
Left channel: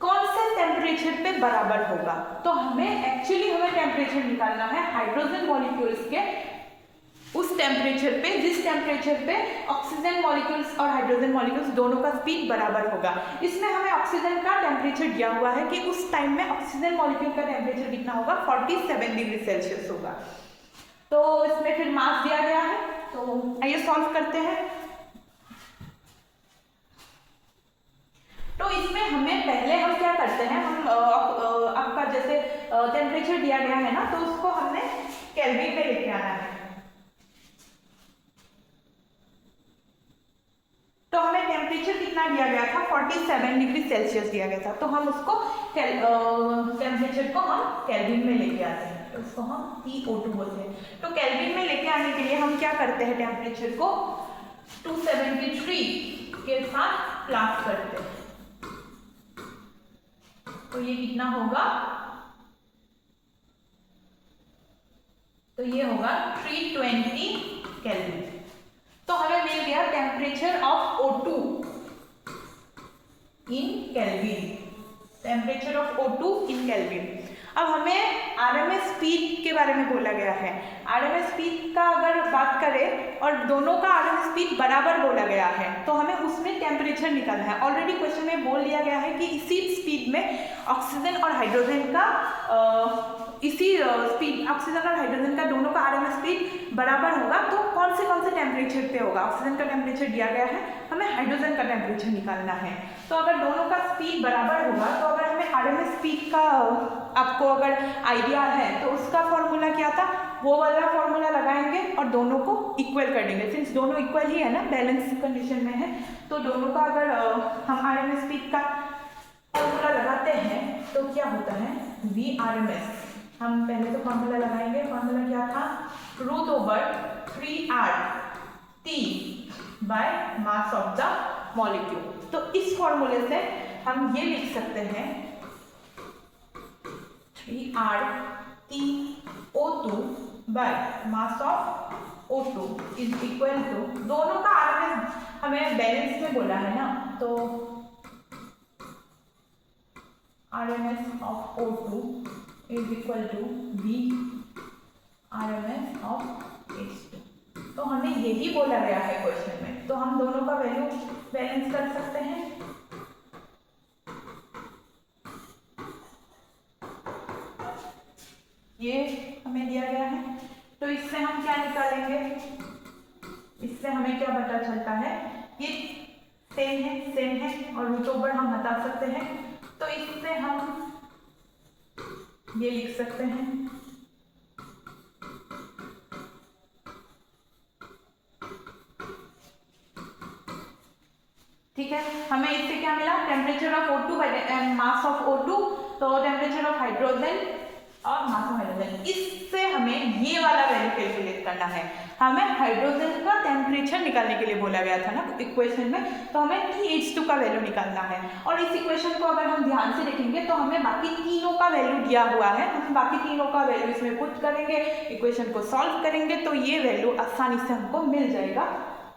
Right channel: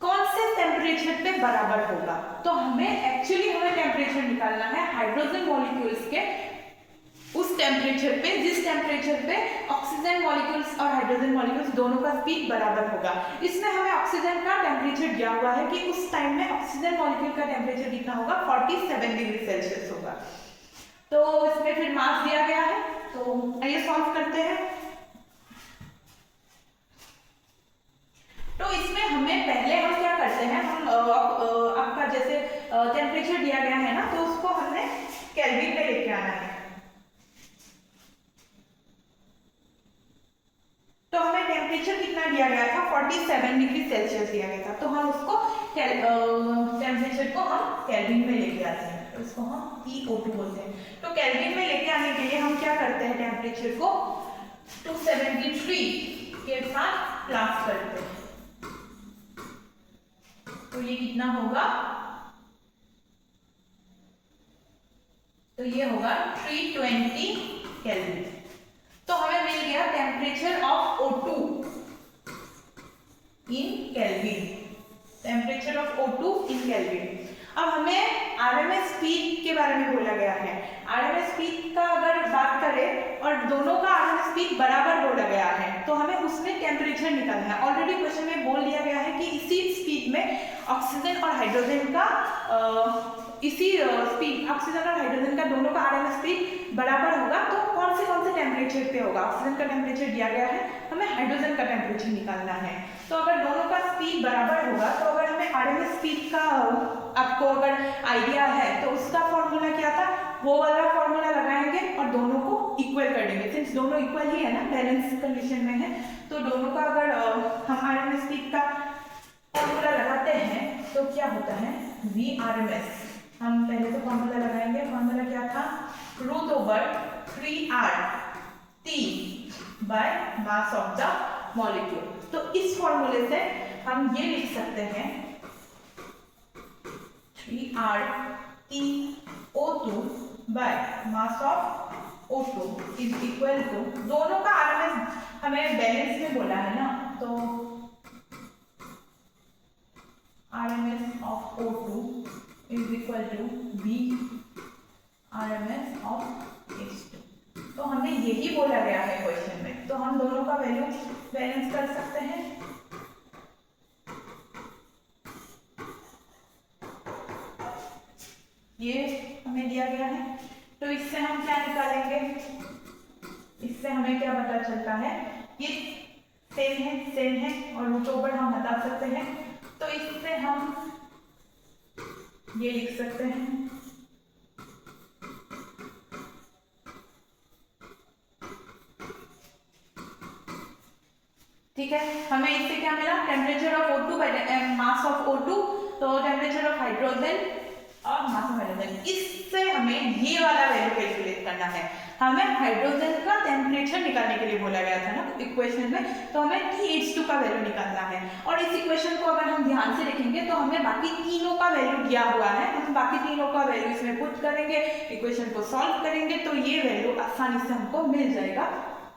कौन से टेम्परेचर पे बराबर होगा। तो हमें टेम्परेचर निकालना है हाइड्रोजन मॉलिक्यूल्स के उस टेम्परेचर पे जिस टेम्परेचर पे ऑक्सीजन मॉलिक्यूल्स और हाइड्रोजन मॉलिक्यूल्स दोनों का स्पीड बराबर होगा। इसमें हमें ऑक्सीजन का टेम्परेचर दिया हुआ है कि उस टाइम में ऑक्सीजन मॉलिक्यूल का टेम्परेचर कितना होगा 47 डिग्री सेल्सियस होगा। तो इसमें फिर मास दिया गया है, तो आइए सॉल्व करते हैं। तो इसमें हमें पहले हम क्या करते हैं, हम आपका जैसे टेम्परेचर दिया गया है ना, तो उसको हमने केल्विन में लेके आना है। तो हमें टेम्परेचर कितना दिया गया था, 47 डिग्री सेल्सियस दिया गया था, तो हम उसको टेम्परेचर को हम केल्विन में लेके आते हैं, तो इसको हम TO2 बोलते हैं। तो केल्विन में लेके आने के लिए हम क्या करते हैं, टेम्परेचर को 273 के साथ प्लस करते हैं। तो ये कितना होगा, तो ये होगा 320 केल्विन। तो हमें मिल गया temperature of O2 in kelvin, temperature of O2 in kelvin. अब हमें RMS स्पीड के बारे में बोला गया है। RMS स्पीड का अगर बात करें और दोनों का RMS स्पीड बराबर बोला गया है, तो हमें उसमें टेम्परेचर निकालना है। ऑलरेडी क्वेश्चन में बोल दिया गया है कि इसी स्पीड में ऑक्सीजन और हाइड्रोजन का इसी स्पीड, ऑक्सीजन और हाइड्रोजन का दोनों का RMS स्पीड बराबर होगा, तो कौन से टेम्परेचर पे होगा। ऑक्सीजन का टेम्परेचर दिया गया है, हमें हाइड्रोजन का टेम्परेचर निकालना है। तो अगर दोनों का स्पीड बराबर होगा, तो अगर हमें RMS स्पीड का आपको अगर आइडिया है, तो उसका फॉर्मूला क्या था, वो वाला फॉर्मूला लगाएंगे और दोनों को इक्वल कर देंगे। सिंस दोनों इक्वल ही है ना, बैलेंस कंडीशन में है, तो दोनों का अगर हम RMS स्पीड का फॉर्मूला लगाते हैं तो क्या होता है, VRMS। हम पहले तो फॉर्मूला लगाएंगे, फॉर्मूला क्या था, √3RT bye mass of the molecule. तो इस फॉर्मूले से हम ये लिख सकते हैं 3RTO2 by mass of O2 is equal to, दोनों का RMS हमें बैलेंस में बोला है ना, तो RMS of O2 is equal to VRMS of H2। तो हमें यही बोला गया है क्वेश्चन में, तो हम दोनों का वैल्यू बैलेंस कर सकते हैं। ये हमें दिया गया है, तो इससे हम क्या निकालेंगे, इससे हमें क्या पता चलता है, ये सेम है और रूट ओवर हम हटा सकते हैं, तो इससे हम ये लिख सकते हैं ठीक है। हमें इससे क्या मिला, temperature of O2 bye mass of O2, तो टेम्परेचर ऑफ हाइड्रोजन और मास ऑफ हाइड्रोजन। इससे हमें ये वाला वैल्यू कैलकुलेट करना है। हमें हाइड्रोजन का टेम्परेचर निकालने के लिए बोला गया था ना इक्वेशन में, तो हमें TH2 का वैल्यू निकालना है। और इस इक्वेशन को अगर हम ध्यान से देखेंगे तो हमें बाकी तीनों का वैल्यू दिया हुआ है, हम बाकी तीनों का वैल्यू इसमें पुट करेंगे, इक्वेशन को सॉल्व करेंगे, तो ये वैल्यू आसानी से हमको मिल जाएगा।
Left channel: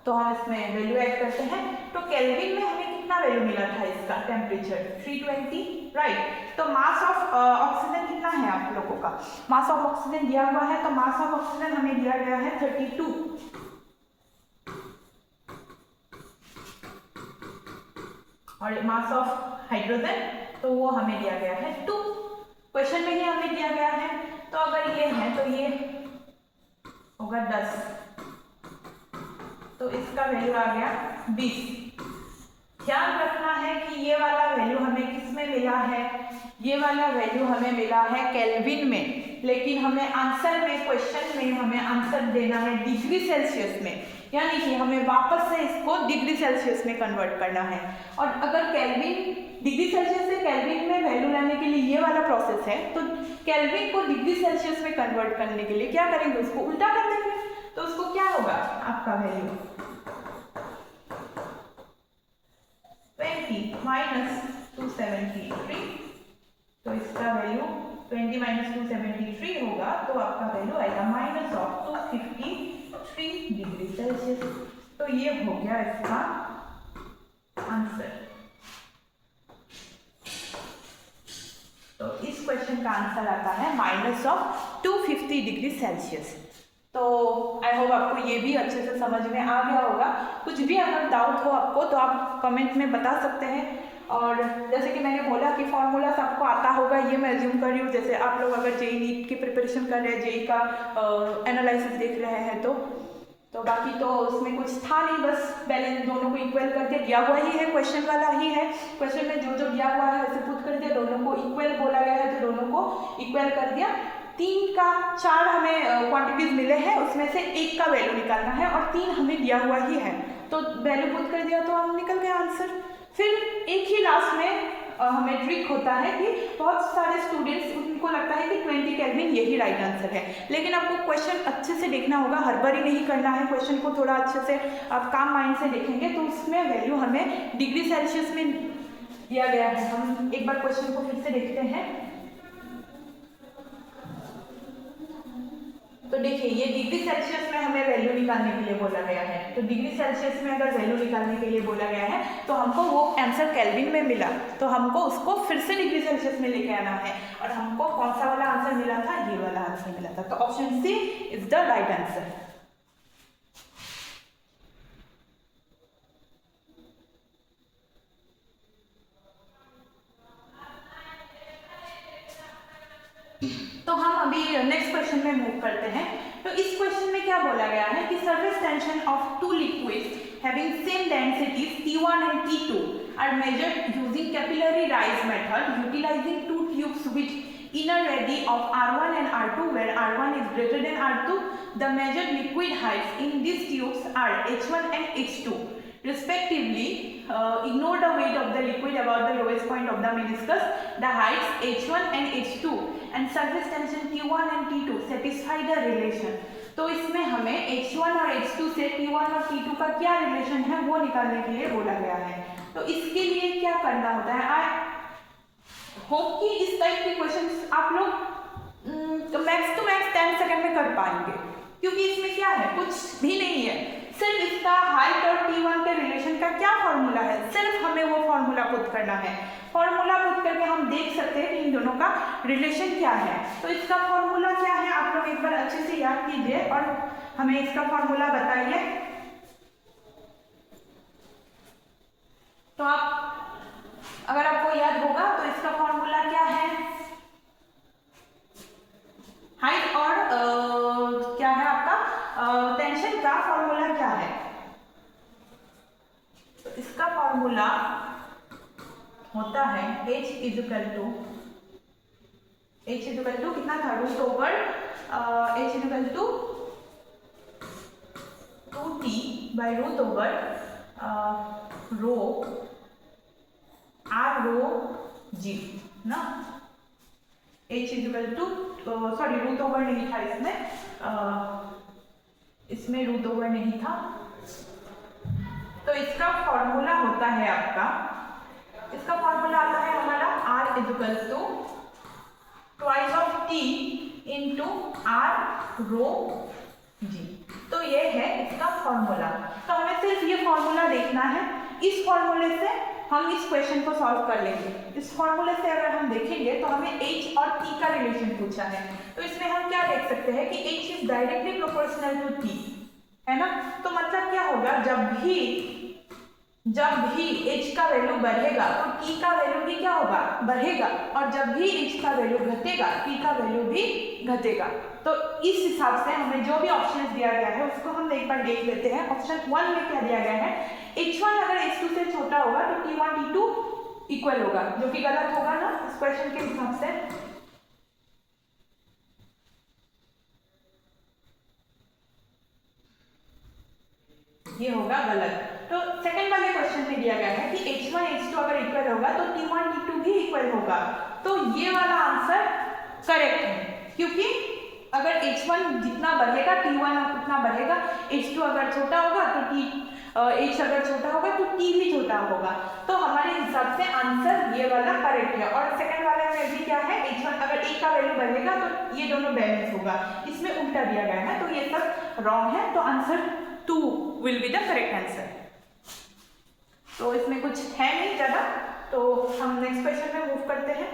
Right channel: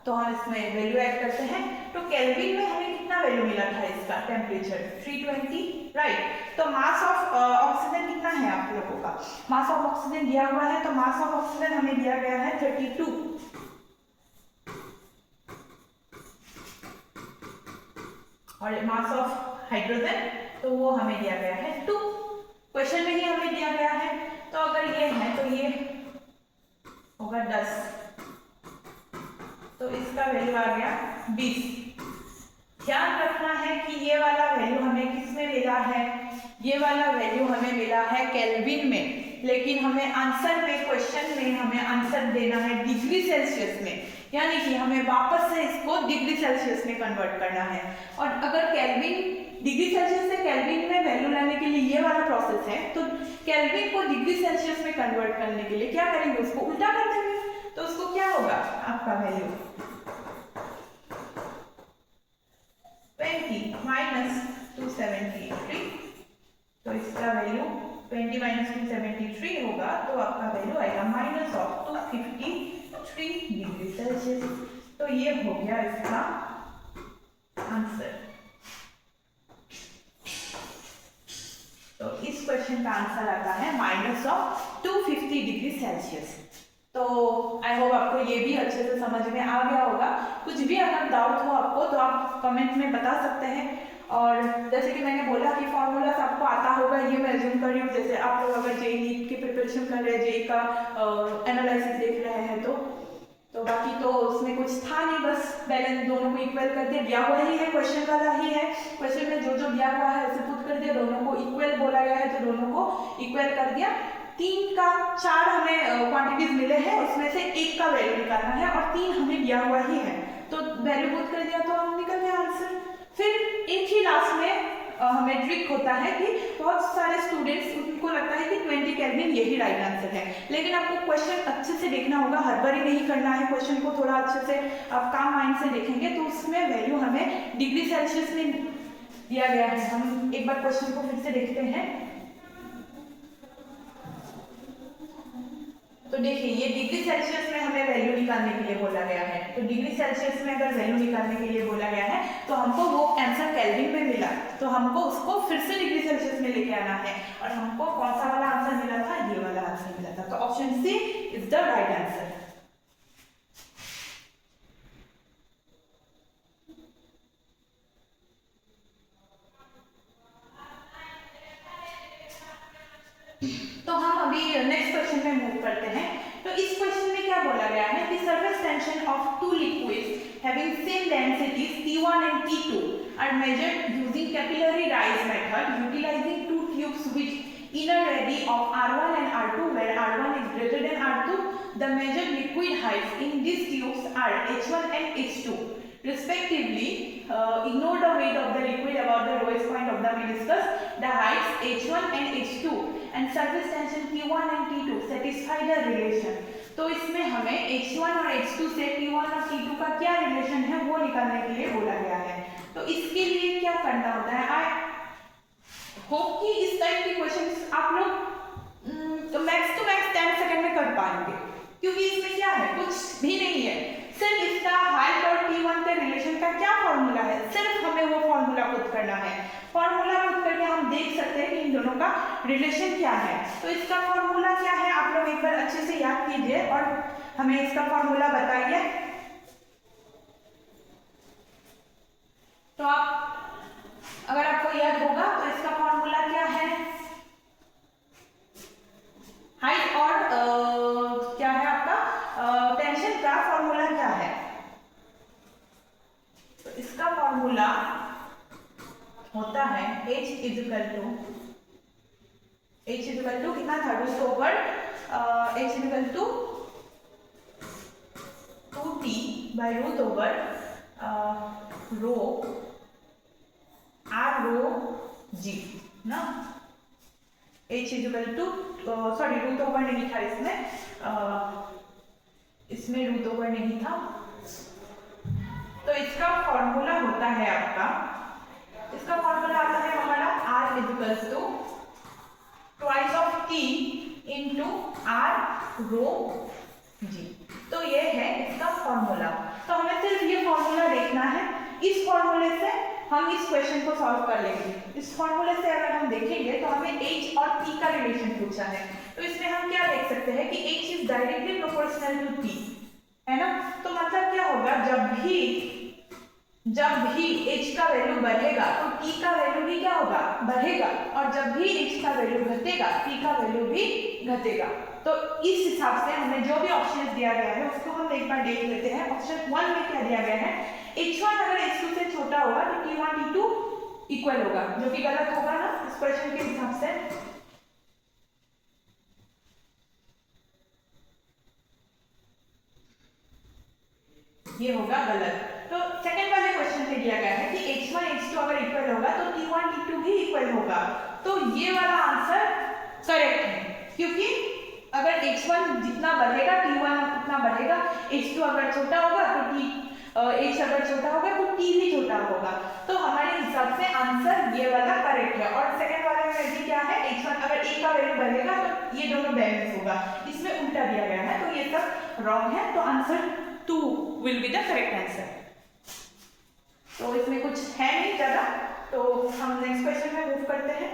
तो हम इसमें वैल्यू ऐड करते हैं, तो केल्विन में हमें कितना वैल्यू मिला था इसका, टेम्परेचर 320, राइट। तो मास ऑफ ऑक्सीजन कितना है आप लोगों का, मास ऑफ ऑक्सीजन दिया हुआ है, तो मास ऑफ ऑक्सीजन हमें दिया गया है 32, और मास ऑफ हाइड्रोजन तो वो हमें दिया गया है 2। क्वेश्चन में ही हमें दिया गया है, तो अगर ये है तो ये होगा 10, तो इसका वैल्यू आ गया 20। ध्यान रखना है कि ये वाला वैल्यू हमें किस में मिला है, ये वाला वैल्यू हमें मिला है केल्विन में, लेकिन हमें आंसर में, क्वेश्चन में हमें आंसर देना है डिग्री सेल्सियस में, यानी कि हमें वापस से इसको डिग्री सेल्सियस में कन्वर्ट करना है। और अगर केल्विन, डिग्री सेल्सियस से केल्विन में वैल्यू लाने के लिए ये वाला प्रोसेस है, तो केल्विन को डिग्री सेल्सियस में कन्वर्ट करने के लिए क्या करेंगे, उसको उल्टा कर देंगे, तो उसको क्या होगा आपका वैल्यू 20 माइनस 273, तो इसका वैल्यू 20 माइनस 273 होगा, तो आपका वैल्यू आएगा माइनस ऑफ 253 डिग्री सेल्सियस। तो ये हो गया इसका आंसर। तो इस क्वेश्चन का आंसर आता है माइनस ऑफ 250 डिग्री सेल्सियस। तो आई होप आपको ये भी अच्छे से समझ में आ गया होगा। कुछ भी अगर डाउट हो आपको तो आप कमेंट में बता सकते हैं। और जैसे कि मैंने बोला कि फॉर्मूलास आपको आता होगा, ये मैं अज्यूम कर रही हूँ। जैसे आप लोग अगर जेई नीट की प्रिपरेशन कर रहे हैं, जेई का एनालिसिस देख रहे हैं, तो तो बाकी तो उसमें कुछ था नहीं, बस बैलेंस दोनों को इक्वल करके दिया हुआ ही है, क्वेश्चन वाला ही है। क्वेश्चन में जो जो दिया हुआ है उसे पुट कर दिया, दोनों को इक्वल बोला गया है तो दोनों को इक्वल कर दिया। 3 का 4 हमें क्वांटिटीज मिले हैं, उसमें से 1 का वैल्यू निकालना है और 3 हमें दिया हुआ ही है, तो वैल्यू पुट कर दिया तो हम निकल गया आंसर। फिर एक ही लास्ट में हमें ट्रिक होता है कि बहुत सारे स्टूडेंट्स उनको लगता है कि 20 केल्विन यही राइट आंसर है, लेकिन आपको क्वेश्चन अच्छे से देखना होगा, हड़बड़ी नहीं करना है, क्वेश्चन को थोड़ा अच्छे से आप काम माइंड से देखेंगे तो उसमें वैल्यू हमें डिग्री सेल्सियस में दिया गया है। हम एक बार क्वेश्चन को फिर से देखते हैं। तो देखिए ये डिग्री सेल्सियस में हमें वैल्यू निकालने के लिए बोला गया है, तो डिग्री सेल्सियस में अगर वैल्यू निकालने के लिए बोला गया है तो हमको वो आंसर केल्विन में मिला, तो हमको उसको फिर से डिग्री सेल्सियस में लेके आना है, और हमको कौन सा वाला आंसर मिला था, ये वाला आंसर मिला था, तो option C is the right answer. तो हम अभी नेक्स्ट क्वेश्चन में मूव करते हैं। तो इस क्वेश्चन में क्या बोला गया है कि surface tension of two liquids having same densities T1 and T2 are measured using capillary rise method utilizing two tubes which inner radii of R1 and R2 where R1 is greater than R2. The measured liquid heights in these tubes are H1 and H2 respectively. Ignore the weight of the liquid about the lowest point of the meniscus. The heights H1 and H2 and surface tension T1 and T2 satisfy the relation. तो इसमें हमें H1 और H2 से T1 और T2 का क्या relation है वो निकालने के लिए बोला गया है। तो इसके लिए क्या करना होता है, आई होप कि इस टाइप के क्वेश्चंस आप लोग मैक्स टू मैक्स 10 सेकंड में कर पाएंगे, क्योंकि इसमें क्या है, कुछ भी नहीं है, सिर्फ इसका हाइट और T1 के रिलेशन का क्या फॉर्मूला है, सिर्फ हमें वो फॉर्मूला पुट करना है। फॉर्मूला पुट करके हम देख सकते हैं कि इन दोनों का रिलेशन क्या है। तो इसका फॉर्मूला क्या है, आप लोग एक बार अच्छे से याद कीजिए और हमें इसका फॉर्मूला बताइए। तो आप अगर आपको याद होगा तो इसका फॉर्मूला क्या है, हाइट और क्या है आपका टेंशन का फॉर्मूला क्या है। तो इसका फॉर्मूला होता है H इजिकल टू कितना था, root over H is equal to 2T by root over rho R rho G ना। H is equal to sorry root over नहीं था इसमें रूट ओवर नहीं था। तो इसका फॉर्मूला होता है आपका, इसका फॉर्मूला आता है हमारा R is equal to twice of T into R rho G। तो ये है इसका फॉर्मूला। तो हमें सिर्फ ये फॉर्मूला देखना है, इस फॉर्मूले से हम इस क्वेश्चन को सॉल्व कर लेंगे। इस फॉर्मूले से अगर हम देखेंगे तो हमें H और T का रिलेशन पूछा है, तो इसमें हम क्या देख सकते हैं कि H is directly proportional to T, है ना। तो मतलब क्या होगा, जब भी H का वैल्यू बढ़ेगा तो T का वैल्यू भी क्या होगा, बढ़ेगा, और जब भी H का वैल्यू घटेगा T का वैल्यू भी घटेगा। तो इस हिसाब से हमें जो भी ऑप्शन दिया गया है उसको हम एक बार देख लेते हैं। ऑप्शन 1 में क्या दिया गया है, H1 अगर H2 से छोटा होगा तो T1 T2 इक्वल होगा, जो कि गलत होगा ना इस क्वेश्चन के हिसाब से। ये होगा गलत। तो सेकंड वाले क्वेश्चन में दिया गया है कि H1 H2 अगर इक्वल होगा तो T1 T2 भी इक्वल होगा। तो ये वाला आंसर करेक्ट है, क्योंकि अगर H1 जितना बढ़ेगा T1 उतना बढ़ेगा, H2 अगर छोटा होगा तो H अगर छोटा होगा तो T भी छोटा होगा। तो हमारे हिसाब से आंसर ये वाला करेक्ट है। और सेकंड वाले में भी क्या है, H1 अगर एक का वैल्यू बढ़ेगा तो ये दोनों बैलेंस होगा, इसमें उल्टा दिया गया है, तो ये सब रॉन्ग है। तो answer 2 will be the correct answer. तो इसमें कुछ है नहीं ज़्यादा, तो हम नेक्स्ट क्वेश्चन में मूव करते हैं।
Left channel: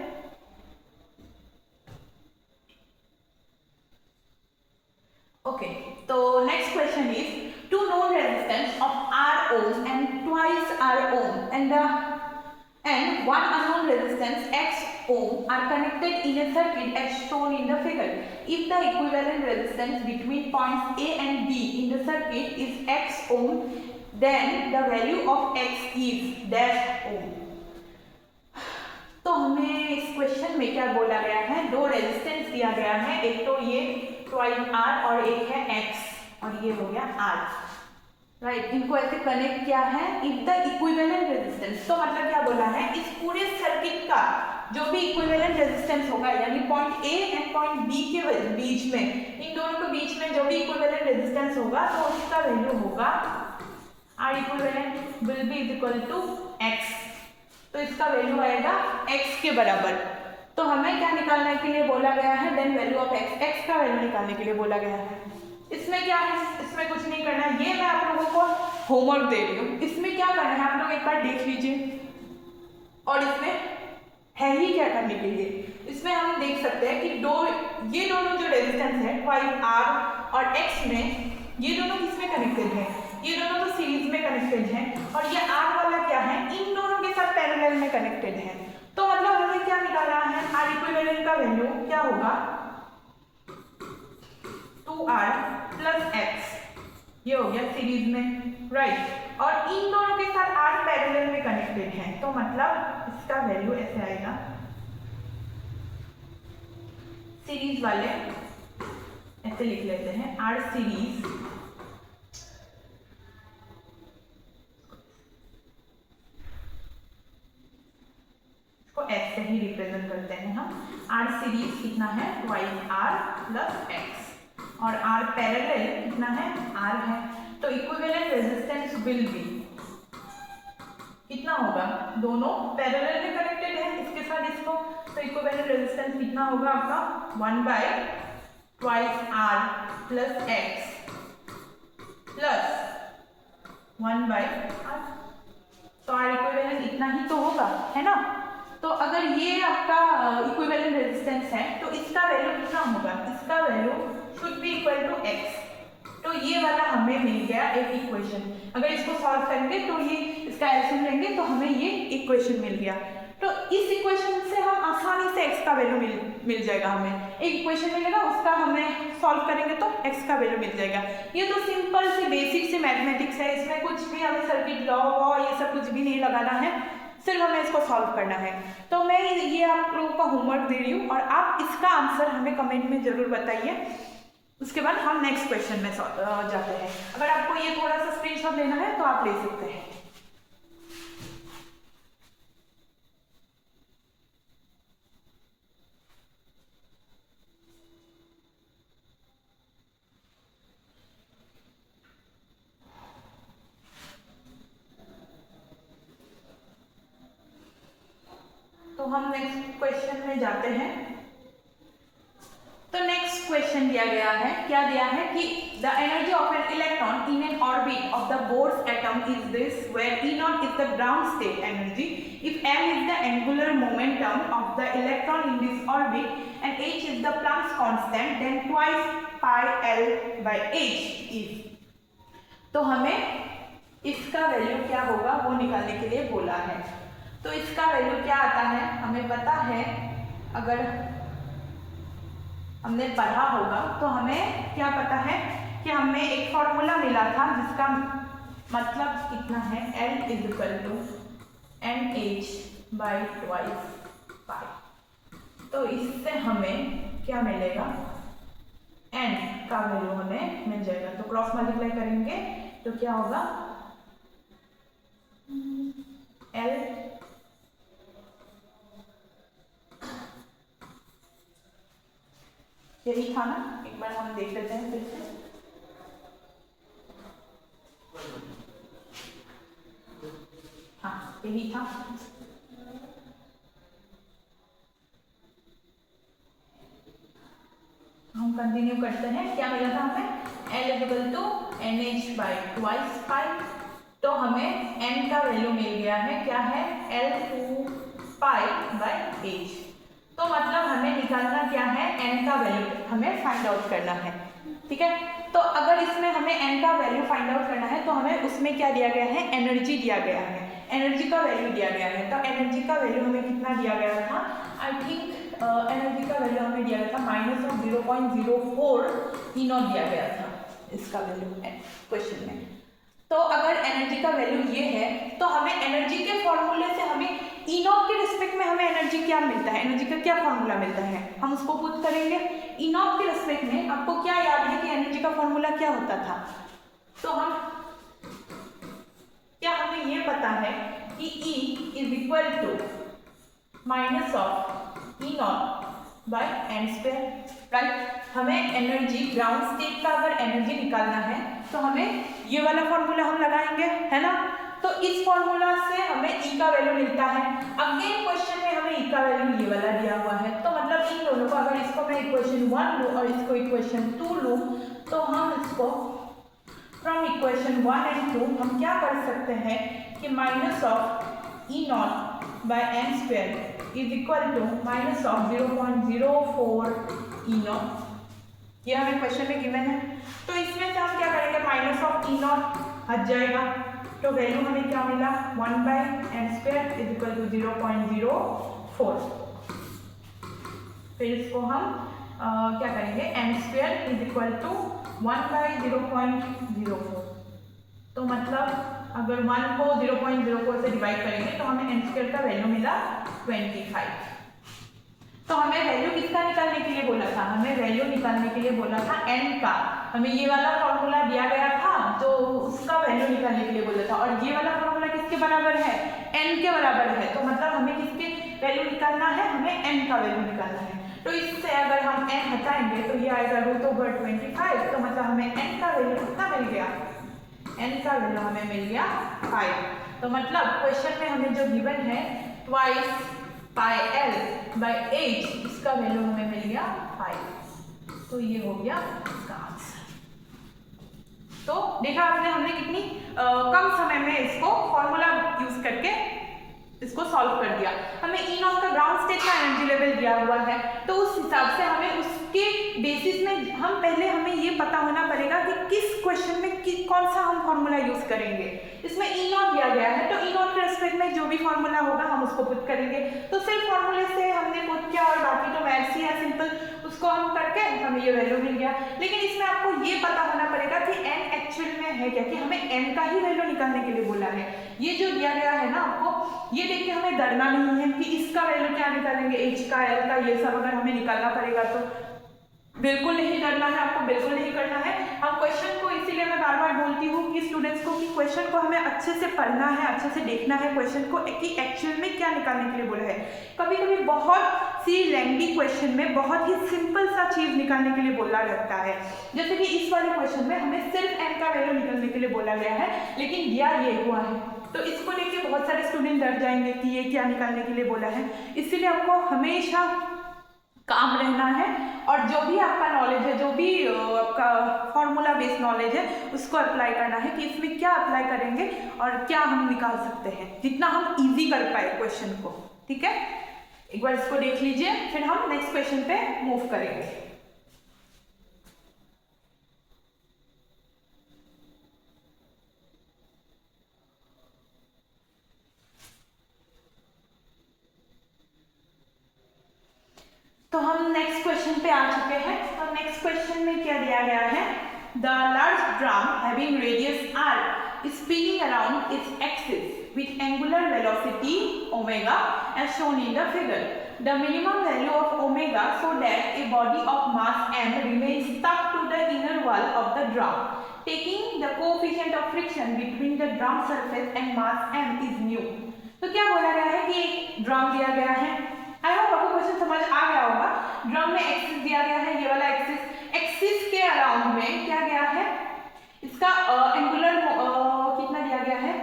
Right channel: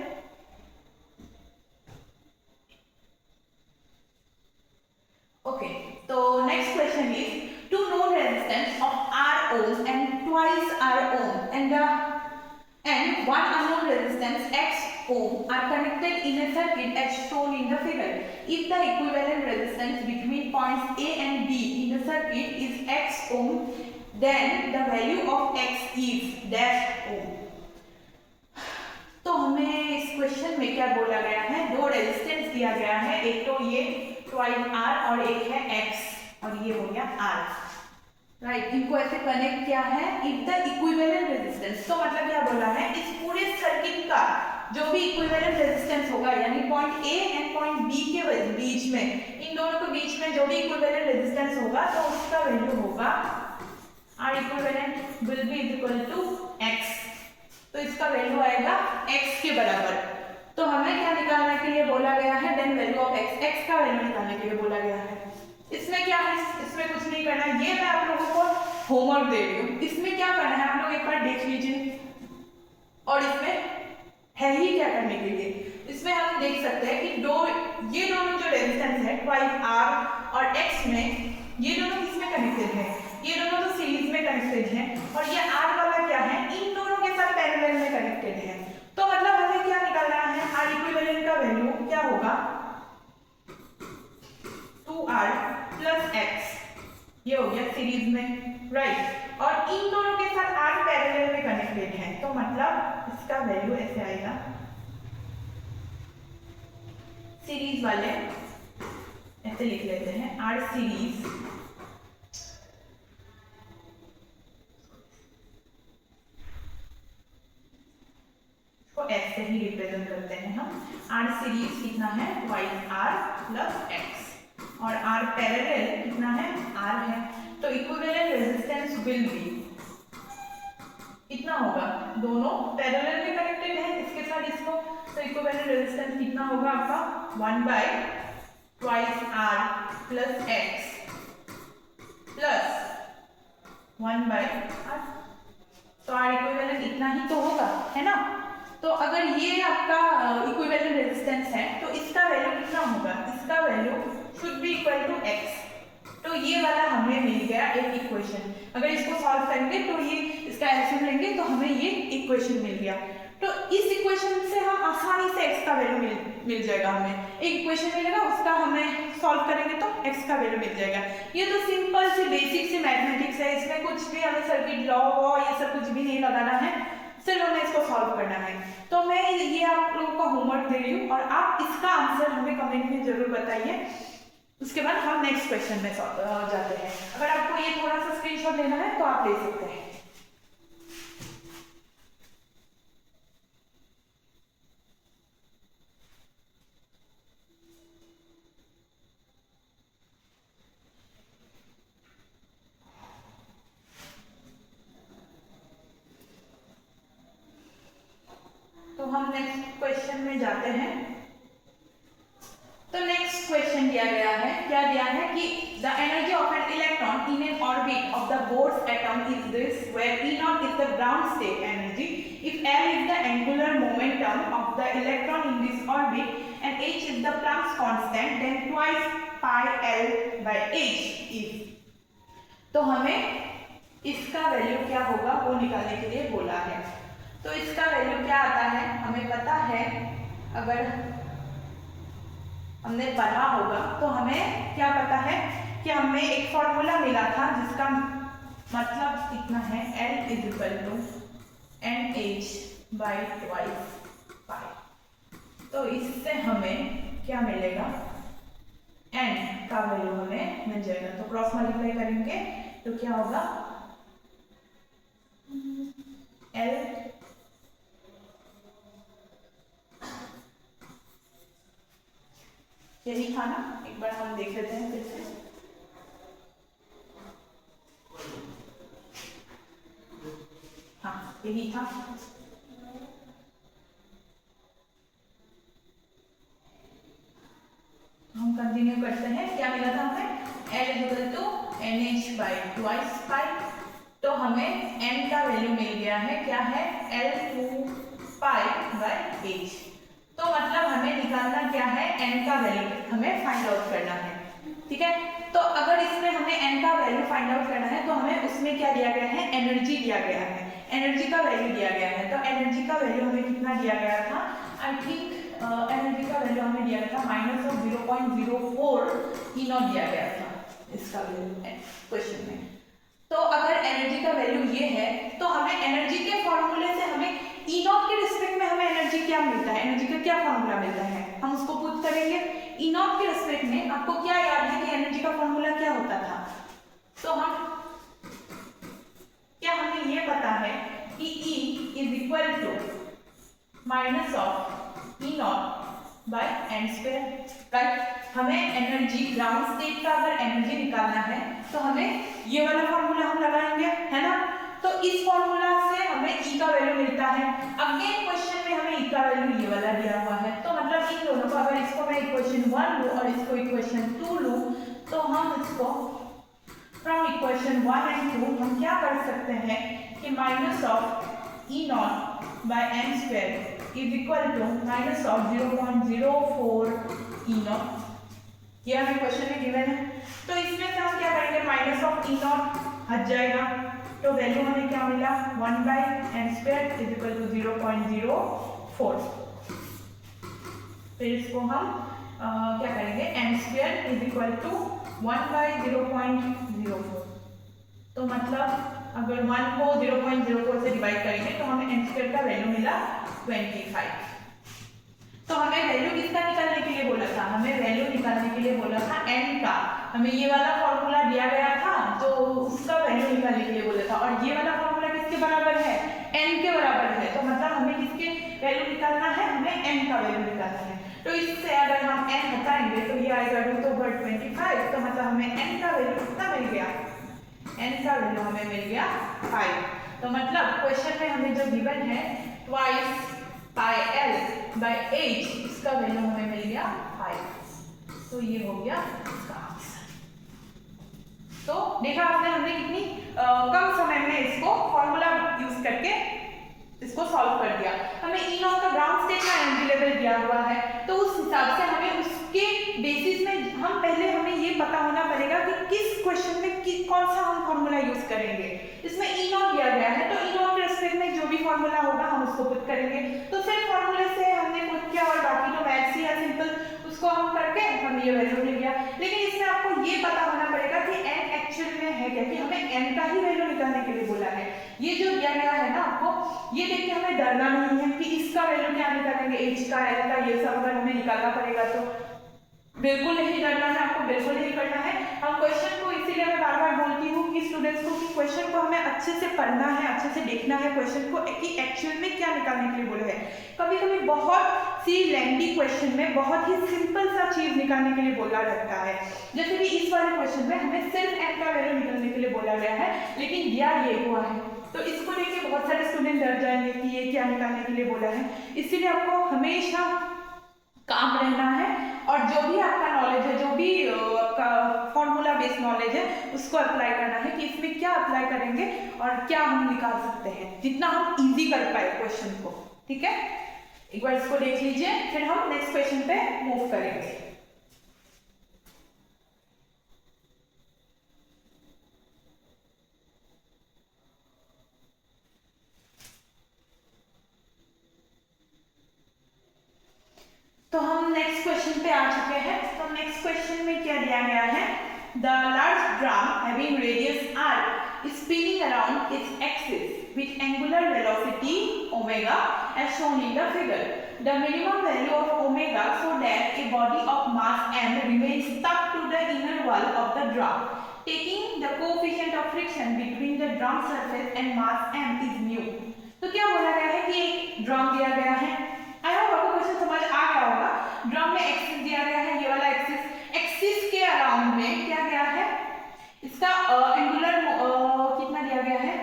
ओके, तो next question is to known resistance of R ohm and twice R ohm and one unknown resistance X ohm are connected in a circuit as shown in the figure. If the equivalent resistance between points A and B in the circuit is x ohm, then the value of x is dash ohm. तो हमें इस question में क्या बोला गया है, दो resistance दिया गया है, एक तो ये ट्वाइस आर और एक है एक्स और ये हो गया आर, राइट। इनको ऐसे कनेक्ट किया है इफ द इक्विवेलेंट रेजिस्टेंस, तो मतलब क्या बोला है, इस पूरे सर्किट का जो भी इक्विवेलेंट रेजिस्टेंस होगा, यानी point A and point B के बीच में, इन दोनों के बीच में जो भी इक्विवेलेंट रेजिस्टेंस होगा तो उसका वैल्यू होगा R equivalent will be equal to X. तो इसका वैल्यू आएगा x के बराबर। तो हमें क्या निकालने के लिए बोला गया है, then value of x, x का वैल्यू निकालने के लिए बोला गया है। इसमें क्या है, इसमें कुछ नहीं करना है, ये मैं आप लोगों को होमवर्क दे रही हूँ। इसमें क्या करना है आप लोग एक बार देख लीजिए, और इसमें है ही क्या करने के लिए, इसमें हम देख सकते हैं कि ये दोनों जो रेजिस्टेंस है ट्वाइस r और x में, ये दोनों किसमें कनेक्टेड है, ये दोनों तो सीरीज में कनेक्टेड हैं, और ये r वाला क्या है, इन दोनों के साथ पैरेलल में कनेक्टेड है। तो मतलब हमें क्या निकालना है, r इक्विवेलेंट का वैल्यू क्या होगा 2r प्लस x, ये हो गया सीरीज में, राइट। और इन दोनों के साथ r पैरेलल में कनेक्टेड है, तो मतलब इसका वैल्यू ऐसे आएगा, सीरीज वाले ऐसे लिख लेते हैं, r सीरीज को ऐसे ही रिप्रेजेंट करते हैं हम। R सीरीज कितना है, ट्वाइस R प्लस x, और R पैरेलल कितना है, R है। तो इक्विवेलेंट रेजिस्टेंस विल बी कितना होगा, दोनों पैरेलल में कनेक्टेड है इसके साथ इसको, तो इक्विवेलेंट रेजिस्टेंस कितना होगा आपका 1 by twice R plus x plus 1 by R। तो R इक्विवेलेंट इतना ही तो होगा, है ना। तो अगर ये आपका इक्विवेलेंट रेजिस्टेंस है तो इसका वैल्यू कितना होगा, इसका value should be equal to x। तो ये वाला हमें मिल गया एक इक्वेशन। अगर इसको सॉल्व करेंगे तो ये इसका एलसीएम लेंगे तो हमें ये इक्वेशन मिल गया। तो इस इक्वेशन से हम आसानी से x का वैल्यू मिल जाएगा, हमें एक इक्वेशन मिलेगा, उसका हमें सॉल्व करेंगे तो x का वैल्यू मिल जाएगा। ये तो सिंपल सी बेसिक सी मैथमेटिक्स है, इसमें कुछ भी हमें सर्किट लॉ वॉ ये सब कुछ भी नहीं लगाना है, सिर्फ हमें इसको सॉल्व करना है। तो मैं ये आप लोगों का होमवर्क दे रही हूँ और आप इसका आंसर हमें कमेंट में जरूर बताइए। उसके बाद हम नेक्स्ट क्वेश्चन में जाते हैं। अगर आपको ये थोड़ा सा स्क्रीनशॉट लेना है तो आप ले सकते हैं। तो हम नेक्स्ट क्वेश्चन में जाते हैं। तो नेक्स्ट क्वेश्चन दिया गया है, क्या दिया है कि the energy of an electron in an orbit of the Bohr's atom is this, where E0 is the ground state energy, if m is the angular momentum of the electron in this orbit and h is the Planck's constant, then twice pi l by h is. तो हमें इसका value क्या होगा वो निकालने के लिए बोला है। तो इसका वैल्यू क्या आता है, हमें पता है, अगर हमने पढ़ा होगा तो हमें क्या पता है कि हमें एक फॉर्मूला मिला था जिसका मतलब कितना है, L is equal to NH by twice pi. तो इससे हमें क्या मिलेगा, N का वैल्यू हमें मिल जाएगा। तो क्रॉस मल्टीप्लाई करेंगे तो क्या होगा, L यही था ना, एक बार हम देख लेते हैं फिर से। हाँ यही था। हम कंटिन्यू करते हैं, क्या मिला था हमें, L equal to NH by twice pi. तो हमें N का वैल्यू मिल गया है, क्या है, L2 पाई बाई H। तो मतलब हमें निकालना क्या है, n का वैल्यू हमें फाइंड आउट करना है, ठीक है। तो अगर इसमें हमें n का वैल्यू फाइंड आउट करना है तो हमें उसमें क्या दिया गया है, एनर्जी दिया गया है। एनर्जी का वैल्यू दिया गया है। तो एनर्जी का वैल्यू हमें कितना दिया गया था, आई थिंक एनर्जी का वैल्यू हमें दिया गया था -0.04 E0 दिया गया था इसका वैल्यू क्वेश्चन में। तो अगर एनर्जी का वैल्यू ये है तो हमें एनर्जी के फॉर्मूले से हमें E0 के रिस्पेक्ट में हमें एनर्जी क्या मिलता है, एनर्जी का क्या फॉर्मूला मिलता है, हम उसको पुट करेंगे। E0 के रिस्पेक्ट में आपको क्या याद है कि एनर्जी का फॉर्मूला क्या होता था, तो हमें ये पता है कि E is equal to -E0/n², right. हमें एनर्जी ग्राउंड स्टेट का अगर एनर्जी निकालना है तो हमें ये वाला फॉर्मूला हम लगाएंगे, है ना। तो इस फॉर्मूला से हमें E का वैल्यू मिलता है। अगेन क्वेश्चन में हमें E का वैल्यू ये वाला दिया हुआ है, तो मतलब इन दोनों को, अगर इसको मैं इक्वेशन 1 लूँ और इसको इक्वेशन 2 लूँ, तो हम इसको फ्रॉम इक्वेशन 1 एंड 2 हम क्या कर सकते हैं कि -E0/n² is equal to -0.04 E0, ये हमें क्वेश्चन में गिवन है। तो इसमें से हम क्या करेंगे, -E0 हट जाएगा, तो वैल्यू हमें क्या मिला, 1/n² इज इक्वल टू 0.04। फिर इसको हम क्या करेंगे, n² इज इक्वल टू 1/0.04। तो मतलब अगर 1 को 0.04 से डिवाइड करेंगे तो हमें n² का वैल्यू मिला 25। तो हमें वैल्यू किसका निकालने के लिए बोला था, हमें वैल्यू निकालने के लिए बोला था n का। हमें ये वाला फॉर्मूला दिया गया था तो उसका वैल्यू निकालने के लिए बोला था, और ये वाला फॉर्मूला किसके बराबर है, n के बराबर है। तो मतलब हमें किसके वैल्यू निकालना है, हमें n का वैल्यू निकालना है। तो इससे अगर हम n हटाएंगे तो ये आएगा √25। तो मतलब हमें n का वैल्यू कितना मिल गया, n का वैल्यू हमें मिल गया 5। तो मतलब क्वेश्चन में हमें जो गिवन है ट्वाइस πl/h, इसका वैल्यू हमें मिल गया 5। तो ये हो गया इसका आंसर। तो देखा आपने, हमने कितनी कम समय में इसको फॉर्मूला यूज करके इसको सॉल्व कर दिया। हमें E0 का ग्राउंड स्टेट का एनर्जी लेवल दिया हुआ है, तो उस हिसाब से हमें उसके बेसिस में हमें ये पता होना पड़ेगा कि किस क्वेश्चन में कौन सा हम फॉर्मूला यूज करेंगे। इसमें E0 दिया गया है तो E0 के रेस्पेक्ट में जो भी फॉर्मूला होगा हम उसको पुट करेंगे। तो सिर्फ फॉर्मूले से हमने पुट किया और बाकी तो मैथ्स ही है सिंपल, उसको हम करके हमें ये वैल्यू मिल गया। लेकिन इसमें आपको ये पता होना पड़ेगा कि n एक्चुअल में है क्या, कि हमें n का ही वैल्यू निकालने के लिए बोला है। ये जो दिया गया है ना आपको, ये देख के हमें डरना नहीं है कि इसका वैल्यू क्या निकालेंगे, h का, l का, ये सब अगर हमें निकालना पड़ेगा तो बिल्कुल नहीं डरना है, आपको बिल्कुल नहीं करना है। हम क्वेश्चन को, इसीलिए मैं बार बार बोलती हूँ कि स्टूडेंट्स को कि क्वेश्चन को हमें अच्छे से पढ़ना है, अच्छे से देखना है क्वेश्चन को कि एक्चुअल में क्या निकालने के लिए बोला है। कभी कभी बहुत सी लेंथी क्वेश्चन में बहुत ही सिंपल सा चीज निकालने के लिए बोला जाता है, जैसे कि इस वाले क्वेश्चन में हमें सिर्फ n का वैल्यू निकालने के लिए बोला गया है, लेकिन दिया ये हुआ है। तो इसको लेके बहुत सारे स्टूडेंट डर जाएंगे कि ये क्या निकालने के लिए बोला है। इसीलिए आपको हमेशा काम रहना है, और जो भी आपका नॉलेज है, जो भी आपका फॉर्मूला बेस्ड नॉलेज है, उसको अप्लाई करना है कि इसमें क्या अप्लाई करेंगे और क्या हम निकाल सकते हैं, जितना हम इजी कर पाए क्वेश्चन को। ठीक है, एक बार इसको देख लीजिए, फिर हम नेक्स्ट क्वेश्चन पे मूव करेंगे। तो हम नेक्स्ट क्वेश्चन पे आ चुके हैं। तो नेक्स्ट क्वेश्चन में क्या दिया गया है, the large drum having radius r is spinning around its axis with angular velocity omega as shown in the figure. The minimum value of omega so that a body of mass m remains stuck to the inner wall of the drum. Taking the coefficient of friction between the drum surface and mass m is mu. तो क्या बोला गया है कि एक drum दिया गया है, आई होप आपको क्वेश्चन समझ आ गया होगा। ड्रम में एक्सिस दिया गया है, ये वाला एक्सिस के अराउंड में क्या गया है, इसका एंगुलर कितना दिया गया है,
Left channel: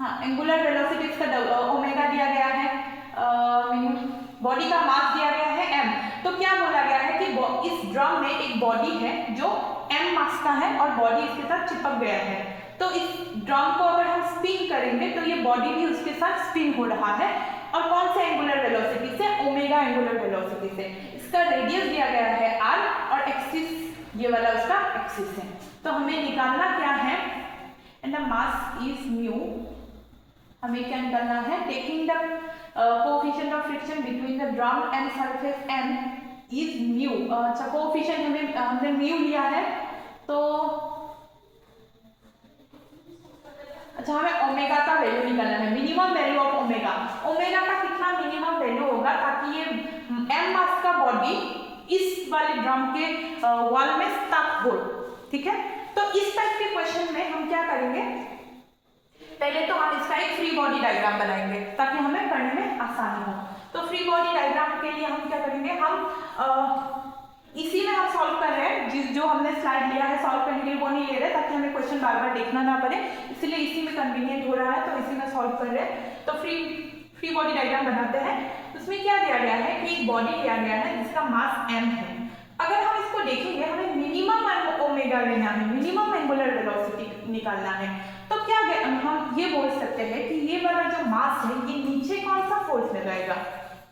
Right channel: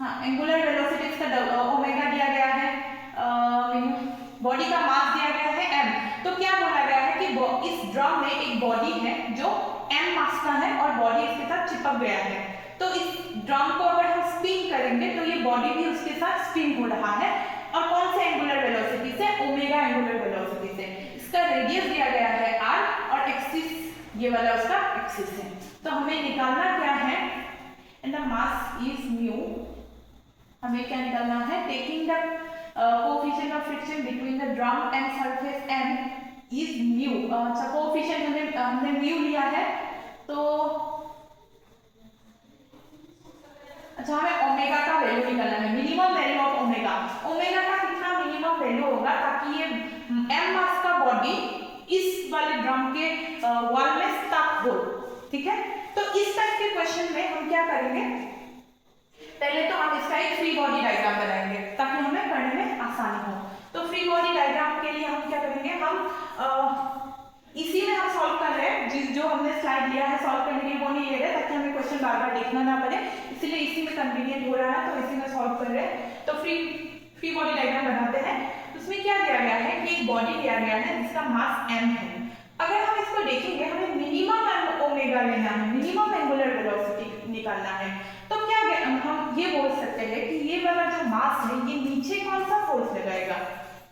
हाँ, एंगुलर वेलोसिटी इसका ओमेगा दिया गया है, बॉडी का मास दिया गया है m। तो क्या बोला गया है कि इस ड्रम में एक बॉडी है जो m मास का है और बॉडी इसके साथ चिपक गया है। तो इस ड्रम को अगर हम स्पिन करेंगे तो ये बॉडी भी उसके साथ स्पिन हो रहा है, और कौन से एंगुलर वेलोसिटी से, ओमेगा एंगुलर वेलोसिटी से। इसका रेडियस दिया गया है r और एक्सिस ये वाला उसका एक्सिस है। तो हमें निकालना क्या है, and the mass is mu, हमें क्या निकालना है, taking the coefficient of friction between the drum and surface M is mu. अच्छा, कोएफिशिएंट हमने म्यू लिया है, तो अच्छा हमें ओमेगा का वैल्यू निकालना है, minimum value of omega. Omega का कितना मिनिमम वैल्यू होगा ताकि ये एम मास का बॉडी इस वाले ड्रम के वॉल में स्टक हो, ठीक है। तो इस टाइप के क्वेश्चन में हम क्या करेंगे, पहले तो हम इसका एक फ्री बॉडी डायग्राम बनाएंगे ताकि हमें करने में आसानी हो। तो फ्री बॉडी डायग्राम के लिए हम क्या करेंगे, हम इसी में हम सॉल्व कर रहे हैं, जो हमने स्लाइड लिया है सॉल्व करने के लिए वो नहीं ले रहे ताकि हमें क्वेश्चन बार बार देखना ना पड़े, इसलिए इसी में कन्वीनियंट हो रहा है, तो इसी में सॉल्व कर रहे हैं। तो फ्री बॉडी डायग्राम बनाते हैं। उसमें क्या दिया गया है कि एक बॉडी दिया गया है जिसका मास m है। अगर हम इसको देखेंगे, हमें मिनिमम ओमेगा लेना है, मिनिमम एंगुलर वेलोसिटी निकालना है। तो क्या हम ये बोल सकते हैं कि ये वाला जो मास है ये नीचे कौन सा फोर्स लगाएगा,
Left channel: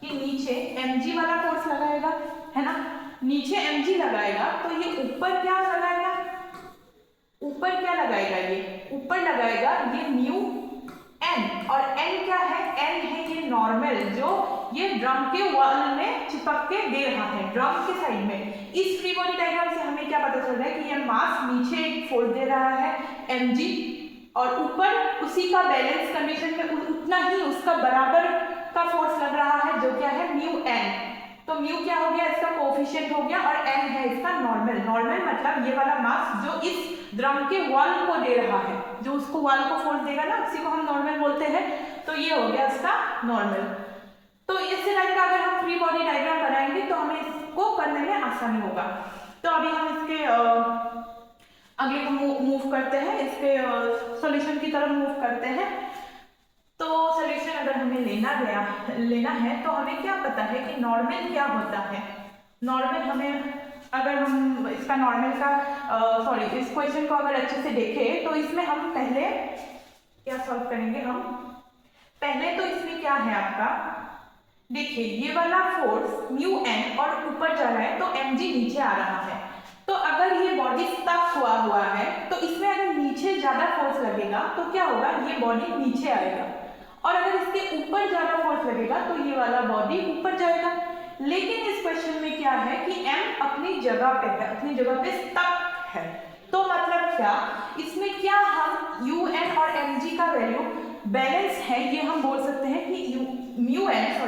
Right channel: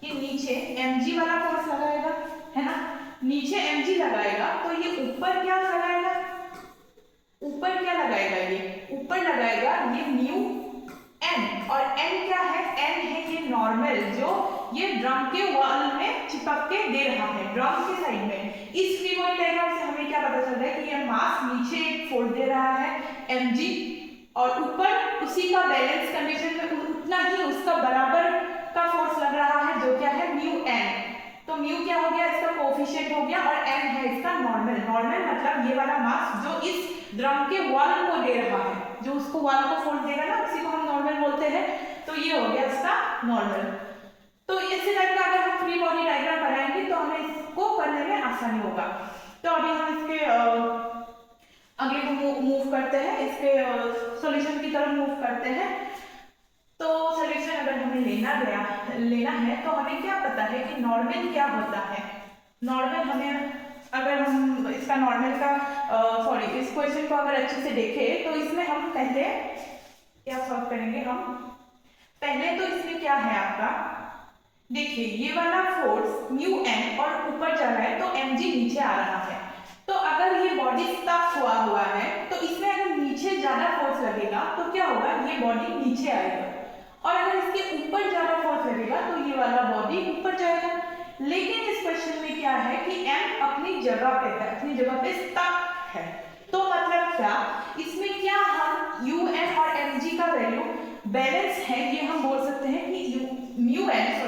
ये नीचे mg वाला फोर्स लगाएगा, है ना, नीचे mg लगाएगा। तो ये ऊपर क्या लगाएगा, ऊपर क्या लगाएगा, ये ऊपर लगाएगा ये म्यू n, और n क्या है, n है ये नॉर्मल जो ये ड्रम के वॉल में चिपक के दे रहा है, ड्रम के साइड में। इस फ्री बॉडी डायग्राम से हमें क्या पता चल रहा है कि ये मास नीचे एक फोर्स दे रहा है mg, और ऊपर उसी का बैलेंस कंडीशन में उतना ही उसका बराबर का फोर्स लग रहा है जो क्या है म्यू n। तो म्यू क्या हो गया, इसका कोएफिशिएंट हो गया, और n है इसका नॉर्मल। नॉर्मल मतलब ये वाला मास जो इस ड्रम के वॉल को दे रहा है, जो उसको वॉल को फोर्स देगा ना, उसी को हम नॉर्मल बोलते हैं। तो ये हो गया इसका नॉर्मल। तो इसी टाइप का अगर हम फ्री बॉडी डायग्राम बनाएंगे तो हमें इसको करने में आसानी होगा। तो अभी हम इसके अगले को मूव करते हैं, इसके सॉल्यूशन की तरफ मूव करते हैं। तो सॉल्यूशन अगर हमें लेना है तो हमें क्या पता है कि नॉर्मल क्या होता है। नॉर्मल हमें, अगर हम इसका नॉर्मल का इस क्वेश्चन को अगर अच्छे से देखें तो इसमें हम पहले क्या सॉल्व करेंगे, हम पहले तो इसमें क्या है आपका, देखिए ये वाला फोर्स म्यू n और ऊपर जा रहा है तो mg नीचे आ रहा है। तो अगर ये बॉडी स्टक हुआ है तो इसमें अगर नीचे ज्यादा फोर्स लगेगा तो क्या होगा, ये बॉडी नीचे आएगा, और अगर इसके ऊपर ज्यादा फोर्स लगेगा तो ये वाला बॉडी ऊपर जाएगा। लेकिन इस क्वेश्चन में क्या है कि m अपनी जगह पे है, अपनी जगह पे स्टक है। तो मतलब क्या, इसमें क्या हम un और mg का वैल्यू बैलेंस है, ये हम बोल सकते हैं कि म्यू n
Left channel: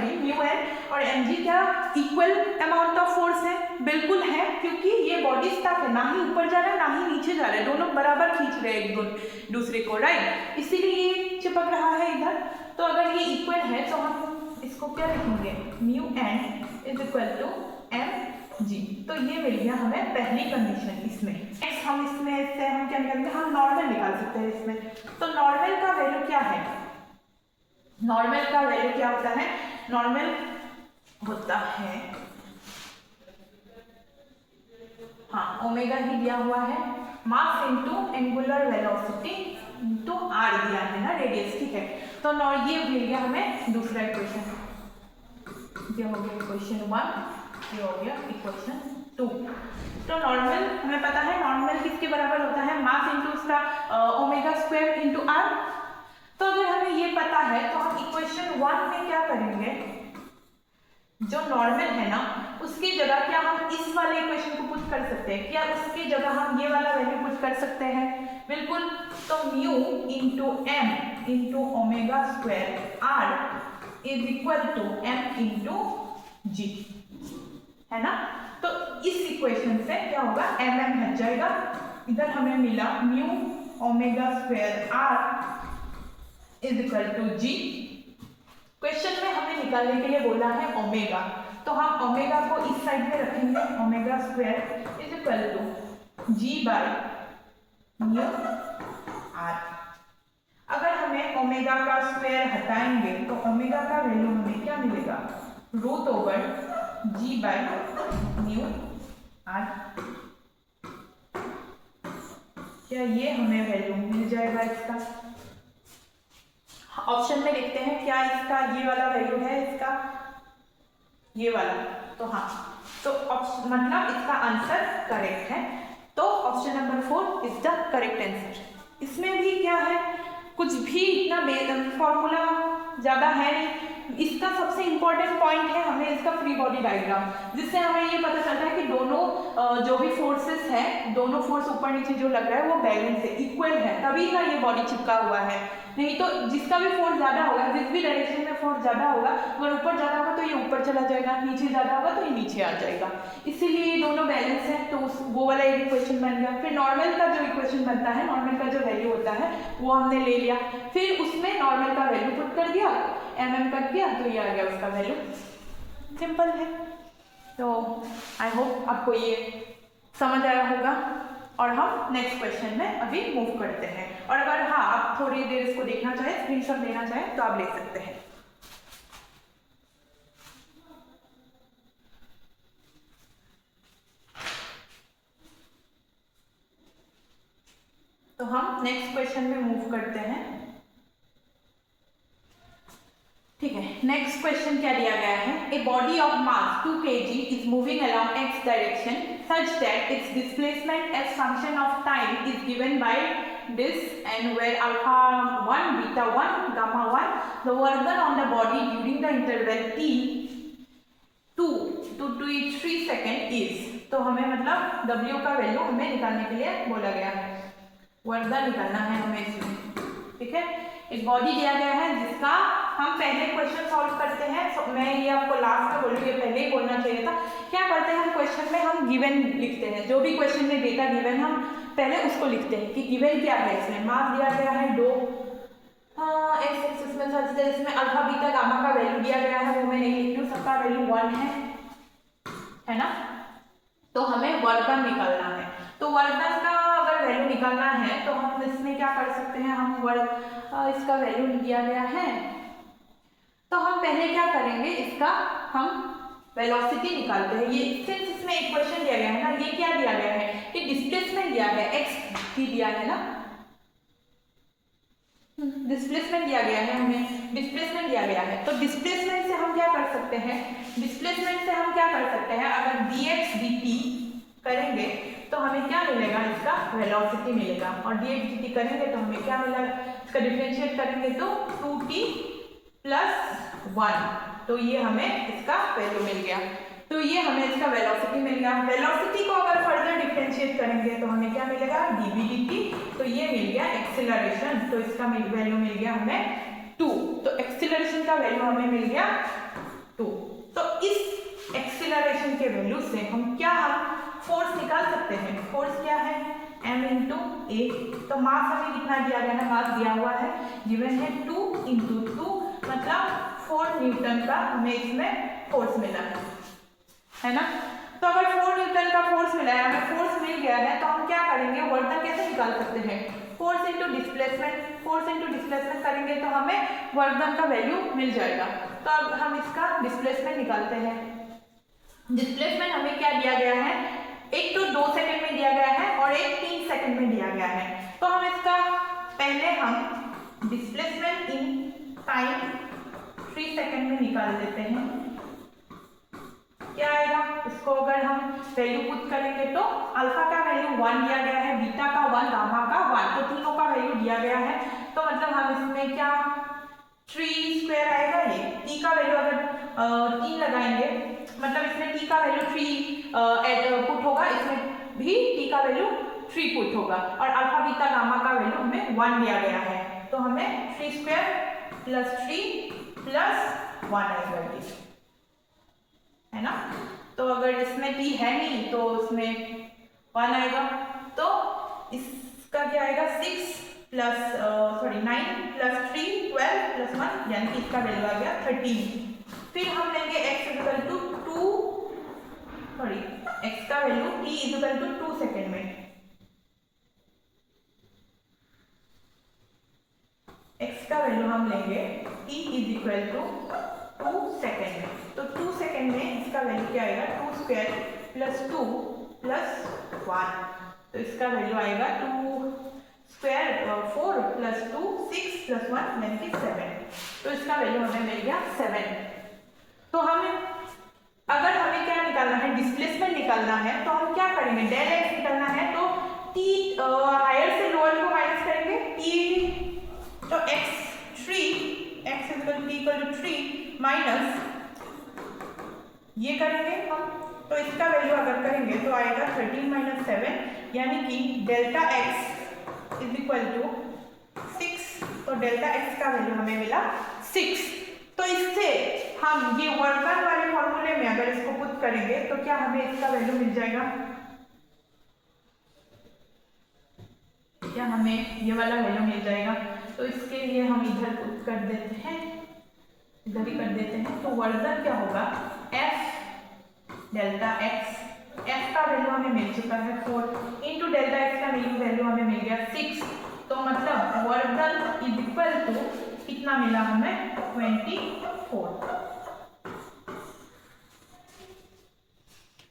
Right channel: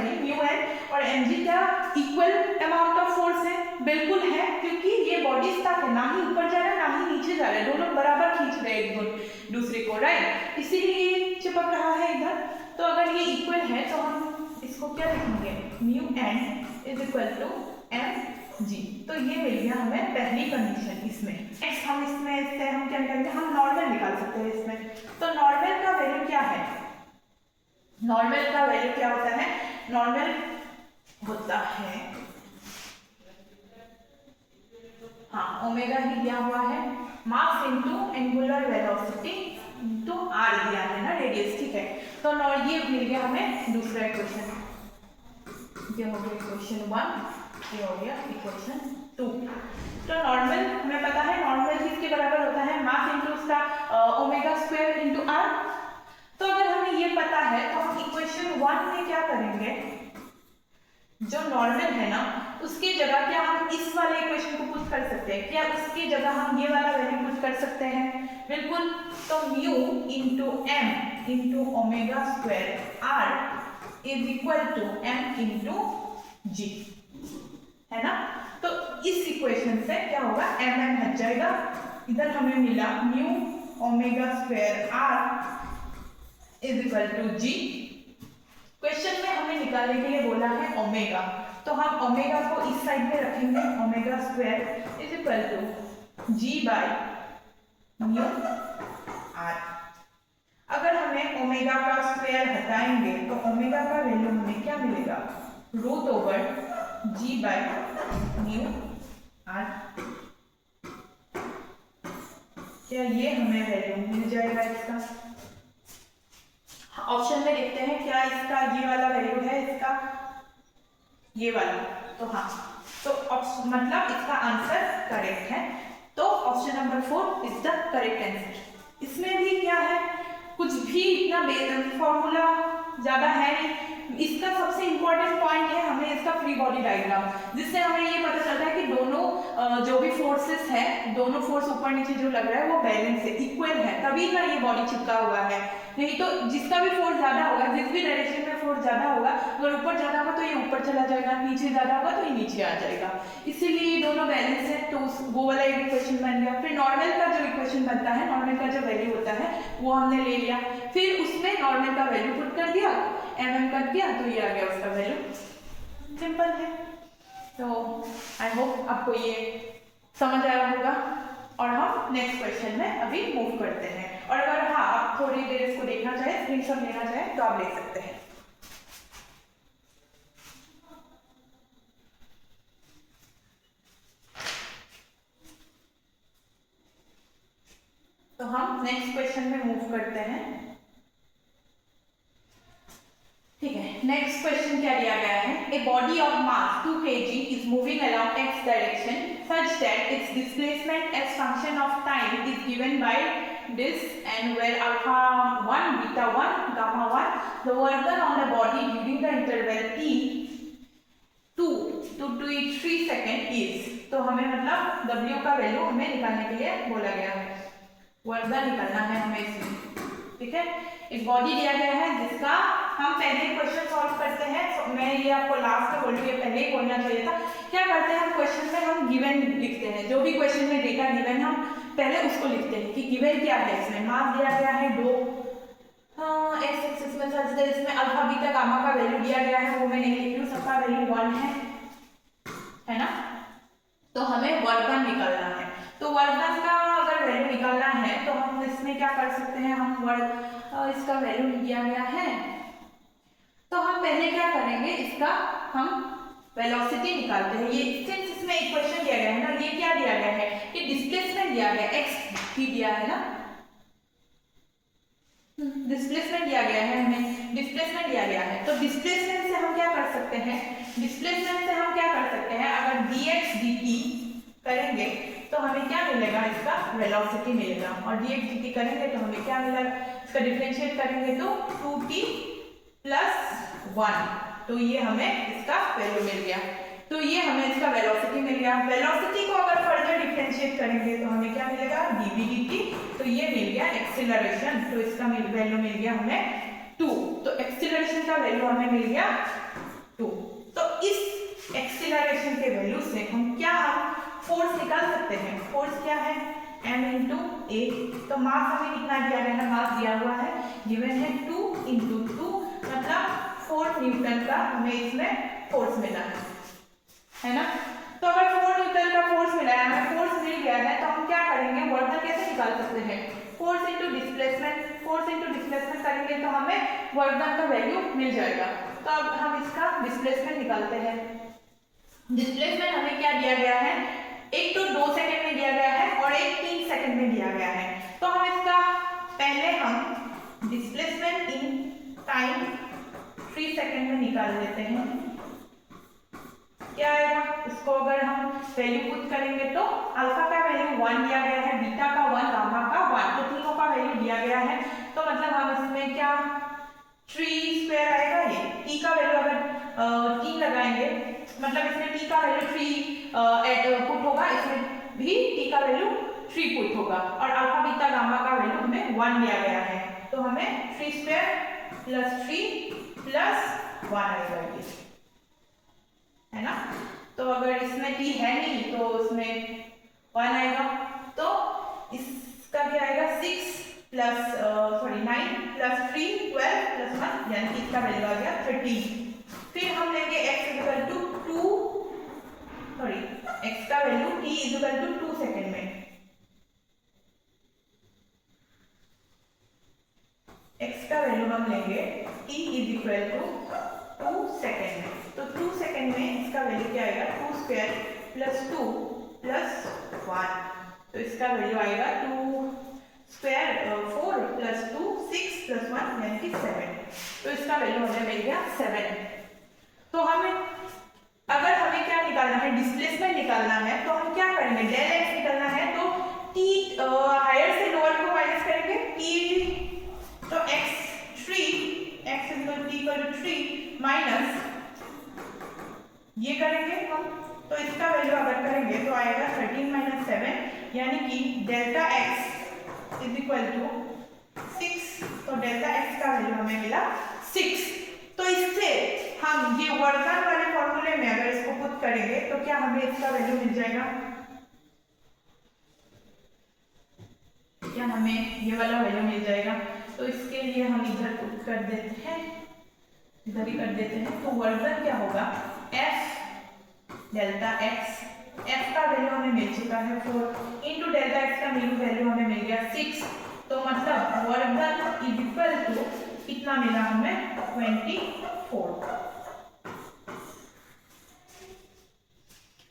और mg क्या इक्वल अमाउंट ऑफ फोर्स है, बिल्कुल है, क्योंकि ये बॉडी स्टक है, ना ही ऊपर जा रहा है ना ही नीचे जा रहा है, दोनों बराबर खींच रहे हैं एक दूसरे को, राइट, इसीलिए ये चिपक रहा है इधर। तो अगर ये इक्वल है तो हम इसको क्या लिखेंगे, mu n is equal to mg। तो ये मिल गया हमें पहली कंडीशन। इसमें नेक्स्ट हम क्या निकालेंगे, हम नॉर्मल निकाल सकते हैं इसमें। तो नॉर्मल का वैल्यू क्या है, नॉर्मल का वैल्यू क्या होता है, नॉर्मल होता है, हाँ ओमेगा ही दिया हुआ है, mass into angular velocity into r दिया है ना, रेडियस, ठीक है। तो ये मिल गया हमें दूसरा इक्वेशन, ये हो गया इक्वेशन 1, ये हो गया इक्वेशन 2। तो नॉर्मल हमें पता है, नॉर्मल किसके बराबर होता है, मास इनटू उसका ओमेगा स्क्वायर इनटू r। तो अगर हमें ये पता है तो हम इक्वेशन 1 में क्या करेंगे, जो नॉर्मल है ना उसकी जगह क्या हम इस वाले इक्वेशन को पुट कर सकते हैं, क्या उसकी जगह हम ये वाला वैल्यू पुट कर सकते हैं, बिल्कुल। तो mu into m into omega square r is equal to m into g, है ना। तो इस इक्वेशन से क्या होगा, m हट जाएगा, इधर हमें मिला mu omega square r is equal to g। Question में हमें निकालने के लिए बोला है ओमेगा, तो हम ओमेगा को इस साइड में रखेंगे, omega square is equal to g by mu r। अगर हमें ओमेगा का स्क्वायर हटाएंगे तो ओमेगा का वैल्यू हमें क्या मिलेगा, root over g by mu r। क्या ये हमें वैल्यू मिल जाएगा इसका, ऑप्शन में देखते हैं क्या इसका जी वाला वैल्यू है इसका, ये वाला। तो हाँ, तो मतलब इसका आंसर करेक्ट है। तो option number 4 is the correct answer. इसमें भी क्या है, कुछ भी इतना फॉर्मूला ज़्यादा है नहीं। इसका सबसे इंपॉर्टेंट पॉइंट है हमें इसका फ्री बॉडी डायग्राम, जिससे हमें ये पता चलता है कि दोनों जो भी फोर्सेस हैं, दोनों फोर्स ऊपर नीचे जो लग रहा है वो बैलेंस है, इक्वल है, तभी ना ये बॉडी चिपका हुआ है। नहीं तो जिसका भी फोर्स ज्यादा होगा, जिस भी डायरेक्शन में फोर्स ज्यादा होगा, अगर ऊपर ज्यादा होगा तो ये ऊपर चला जाएगा, नीचे ज्यादा होगा तो ये नीचे आ जाएगा। इसीलिए ये दोनों बैलेंस है। तो वो वाला एक इक्वेशन बन गया। फिर नॉर्मल का जो इक्वेशन बनता है, नॉर्मल का जो वैल्यू होता है वो हमने ले लिया, फिर उसमें नॉर्मल का वैल्यू पुट कर दिया, कर दिया, तो ये आ गया उसका वैल्यू। सिंपल है। तो आई होप आपको ये समझ आया होगा। और हम नेक्स्ट क्वेश्चन में अभी मूव करते हैं। और अगर हाँ आप थोड़ी देर इसको देखना चाहें, स्क्रीनशॉट लेना चाहें तो आप ले सकते हैं। तो हम नेक्स्ट क्वेश्चन में मूव करते हैं। ठीक है, नेक्स्ट क्वेश्चन क्या दिया गया है, a body of mass 2 kg is moving along x direction such that its displacement as function of time is given by this, and where alpha 1, beta 1, gamma 1, the work done on the body during the interval t 2 to 3 second is। तो हमें मतलब w का value हमें निकालने के लिए बोला गया है, वर्क डन निकालना है हमें इसमें। ठीक है, एक बॉडी दिया गया है जिसका हम पहले क्वेश्चन सॉल्व करते हैं। मैं ये आपको लास्ट में बोलूँ, ये पहले ही बोलना चाहिए था। क्या करते हैं हम क्वेश्चन में, हम गिवन लिखते हैं, जो भी क्वेश्चन में डेटा गिवन हम पहले उसको लिखते हैं कि गिवन क्या है। इसमें मास दिया गया है 2, एक्स एक्सिस में सर्च है, इसमें अल्फा बीटा गामा का वैल्यू दिया गया है, वो मैं नहीं लिख रही हूँ, सबका वैल्यू 1 है ना। तो हमें वर्क डन निकालना है। तो वर्क डन का अगर वैल्यू निकालना है तो हम इसमें क्या कर सकते हैं, हम इसका वैल्यू दिया गया है तो हम पहले क्या करेंगे, इसका हम वेलोसिटी निकालते हैं। ये सिंस इसमें इक्वेशन दिया गया है ना, ये क्या दिया गया है कि डिस्प्लेसमेंट दिया गया है, x भी दिया है ना, डिस्प्लेसमेंट दिया गया है, हमें डिस्प्लेसमेंट दिया गया है। तो डिस्प्लेसमेंट से हम क्या कर सकते हैं, डिस्प्लेसमेंट से हम क्या कर सकते हैं, अगर dx dt करेंगे तो हमें क्या मिलेगा, इसका वेलोसिटी मिलेगा। और dx dt करेंगे तो हमें क्या मिलेगा, इसका डिफरेंशिएट करेंगे तो 2t + 1, तो ये हमें इसका वैल्यू मिल गया। तो ये हमें इसका वेलोसिटी मिल गया। वेलोसिटी को अगर फर्दर डिफरेंशिएट करेंगे तो हमें क्या मिलेगा, dv dt, तो ये मिल गया एक्सेलरेशन, तो इसका वैल्यू मिल गया हमें 2। तो एक्सेलरेशन का वैल्यू हमें मिल गया 2। तो इस एक्सेलरेशन के वैल्यू से हम क्या, हम फोर्स निकाल सकते हैं। फोर्स क्या है, m × a। तो मास हमें कितना दिया गया है, मास दिया हुआ है, गिवन है 2 × 2, मतलब 4 न्यूटन का हमें इसमें फोर्स मिला है ना। तो अगर 4 न्यूटन का फोर्स मिला है, हमें फोर्स मिल गया है, तो हम क्या करेंगे, वर्क डन कैसे निकाल सकते हैं, force into displacement. Force into displacement करेंगे तो हमें वर्क डन का वैल्यू मिल जाएगा। तो अब हम इसका डिस्प्लेसमेंट निकालते हैं। डिस्प्लेसमेंट हमें क्या दिया गया है, एक तो 2 सेकंड में दिया गया है और एक 3 सेकंड में दिया गया है। तो हम इसका पहले हम डिस्प्लेसमेंट इन टाइम 3 सेकंड में निकाल लेते हैं। क्या आएगा, इसको अगर हम वैल्यू पुट करेंगे तो अल्फा का वैल्यू 1 दिया गया है, बीटा का 1, गामा का 1, तो तीनों का वैल्यू दिया गया है। तो मतलब हम इसमें क्या 3² आएगा, ये t का वैल्यू अगर 3 लगाएंगे, मतलब इसमें t का वैल्यू 3 पुट होगा, इसमें भी t का वैल्यू 3 पुट होगा, और अल्फा बीटा गामा का वैल्यू हमें 1 दिया गया है। तो हमें 3² + 3 + 1 आएगा, है ना। तो अगर इसमें t है नहीं तो उसमें 1 आएगा। तो इसका क्या आएगा, 9 + 3 12 + 1, यानी कि इसका वैल्यू आ गया 13। फिर हम लेंगे x का वैल्यू t 2 सेकेंड में, x का वैल्यू हम लेंगे t 2 सेकेंड में। तो 2 सेकेंड में इसका वैल्यू क्या आएगा, 2² + 2 + 1, तो इसका वैल्यू आएगा 2² 4 + 2 6 + 1, यानी कि 7। तो इसका वैल्यू हमें मिल गया 7। तो हमें अगर हमें क्या निकालना है, डिस्प्लेसमेंट निकालना है, तो हम क्या करेंगे, डेल एक्स निकालना है तो टी हायर से लोअर को माइनस करेंगे, टी तो X 3 X equal to 3 minus ये करेंगे हम, तो इसका वैल्यू अगर करेंगे तो आएगा 13 माइनस 7 यानी कि delta X is equal to 6। तो डेल्टा एक्स का वैल्यू हमें मिला 6। तो इससे हम ये वर्गन वाले फॉर्मूले में अगर इसको पुट करेंगे तो क्या हमें इसका वैल्यू मिल जाएगा, क्या हमें ये वाला वैल्यू मिल जाएगा। तो इसके लिए हम इधर पुट कर देते हैं, इधर ही कर देते हैं। तो वर्गन क्या होगा, एफ डेल्टा एक्स, एफ का वैल्यू हमें मिल चुका है 4 इंटू डेल्टा एक्स का वैल्यू हमें मिल गया 6। तो मतलब वर्गन इज इक्वल टू कितना मिला हमें 24।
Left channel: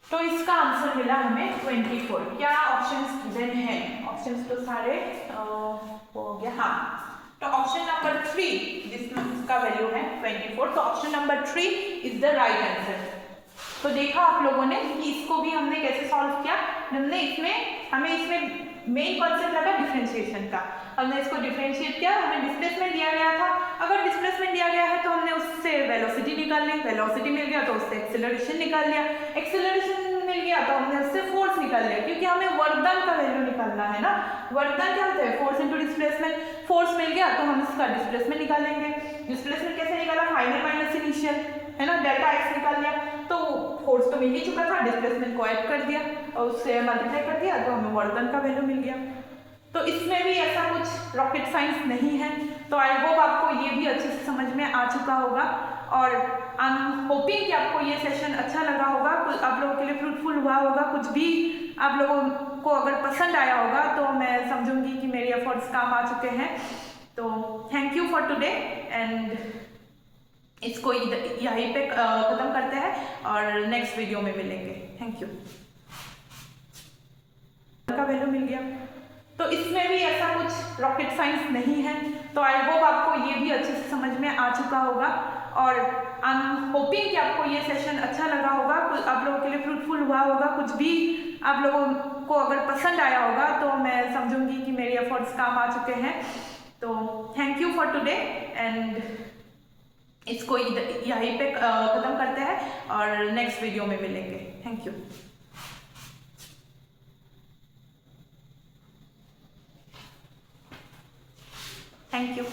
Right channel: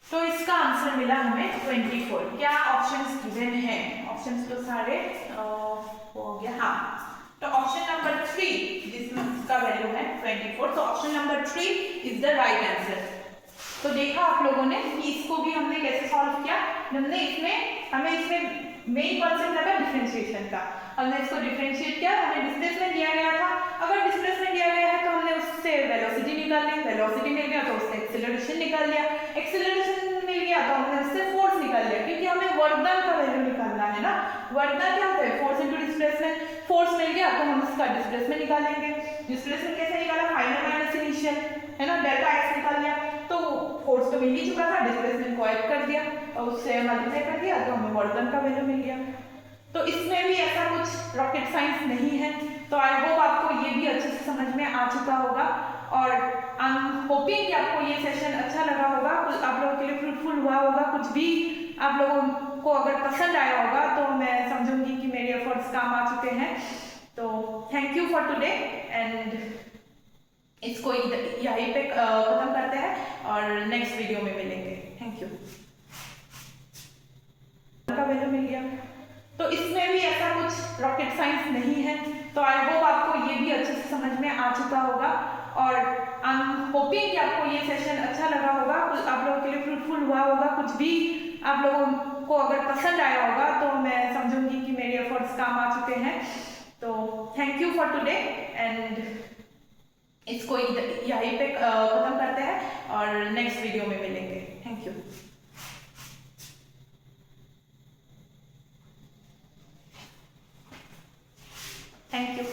तो इसका आंसर मिला हमें 24। क्या ऑप्शंस गिवन है, ऑप्शंस तो सारे हो गया। हाँ, तो ऑप्शन नंबर 3 जिसमें इसका वैल्यू है 24, तो option number 3 is the right answer. तो देखा आप लोगों ने कि इसको भी हमने कैसे सॉल्व किया। हमें इसमें मेन कॉन्सेप्ट लगा डिफरेंशिएशन का। हमने इसको डिफरेंशिएट किया, हमें डिस्प्लेसमेंट दिया गया था। अगर डिस्प्लेसमेंट दिया गया है तो हमने उससे वेलोसिटी निकाल ली, वेलोसिटी मिल गया तो उससे एक्सेलरेशन निकाल लिया, एक्सेलरेशन मिल गया तो हमने उससे फोर्स निकाल लिया, क्योंकि हमें वर्कडन का वैल्यू निकालना है ना। वर्कडन क्या होता है, फोर्स इनटू डिस्प्लेसमेंट। फोर्स मिल गया तो हम इसका डिस्प्लेसमेंट निकालेंगे। डिस्प्लेसमेंट कैसे निकाला, फाइनल माइनस इनिशियल, है ना, डेल्टा एक्स निकाल लिया। तो फोर्स तो मिल ही चुका था, डिस्प्लेसमेंट को ऐड कर दिया और उससे मल्टीप्लाई कर दिया तो हमें वर्कडन का वैल्यू मिल गया। तो इसमें भी ऐसा कुछ रॉकेट साइंस नहीं है। तो आई होप आपको ये भी अच्छे से समझ में आ चुका होगा और आई एम होपिंग कि आपको ये सेशन अच्छा लगा होगा, कुछ आप लोगों के लिए फ्रूटफुल हुआ होगा। कुछ भी आप लोगों को अगर पसंद आया होगा तो मैं समझूंगी कि मेरी एफर्ट्स काम आ चुके हैं। तो thank you for today and इसको यहीं पे खत्म करते हैं और नेक्स्ट वीडियो में मिलेंगे। Thank you. का वैल्यू मिल गया। तो इसमें भी ऐसा कुछ रॉकेट साइंस नहीं है। तो आई होप आपको ये भी अच्छे से समझ में आ चुका होगा और आई एम होपिंग कि आपको ये सेशन अच्छा लगा होगा, कुछ आप लोगों के लिए फ्रूटफुल हुआ होगा। कुछ भी आप लोगों को अगर पसंद आया होगा तो मैं समझूंगी कि मेरी एफर्ट्स काम आ चुके हैं। तो thank you for today and इसको यहीं पे खत्म करते हैं और नेक्स्ट वीडियो में मिलेंगे। Thank you. Thank you.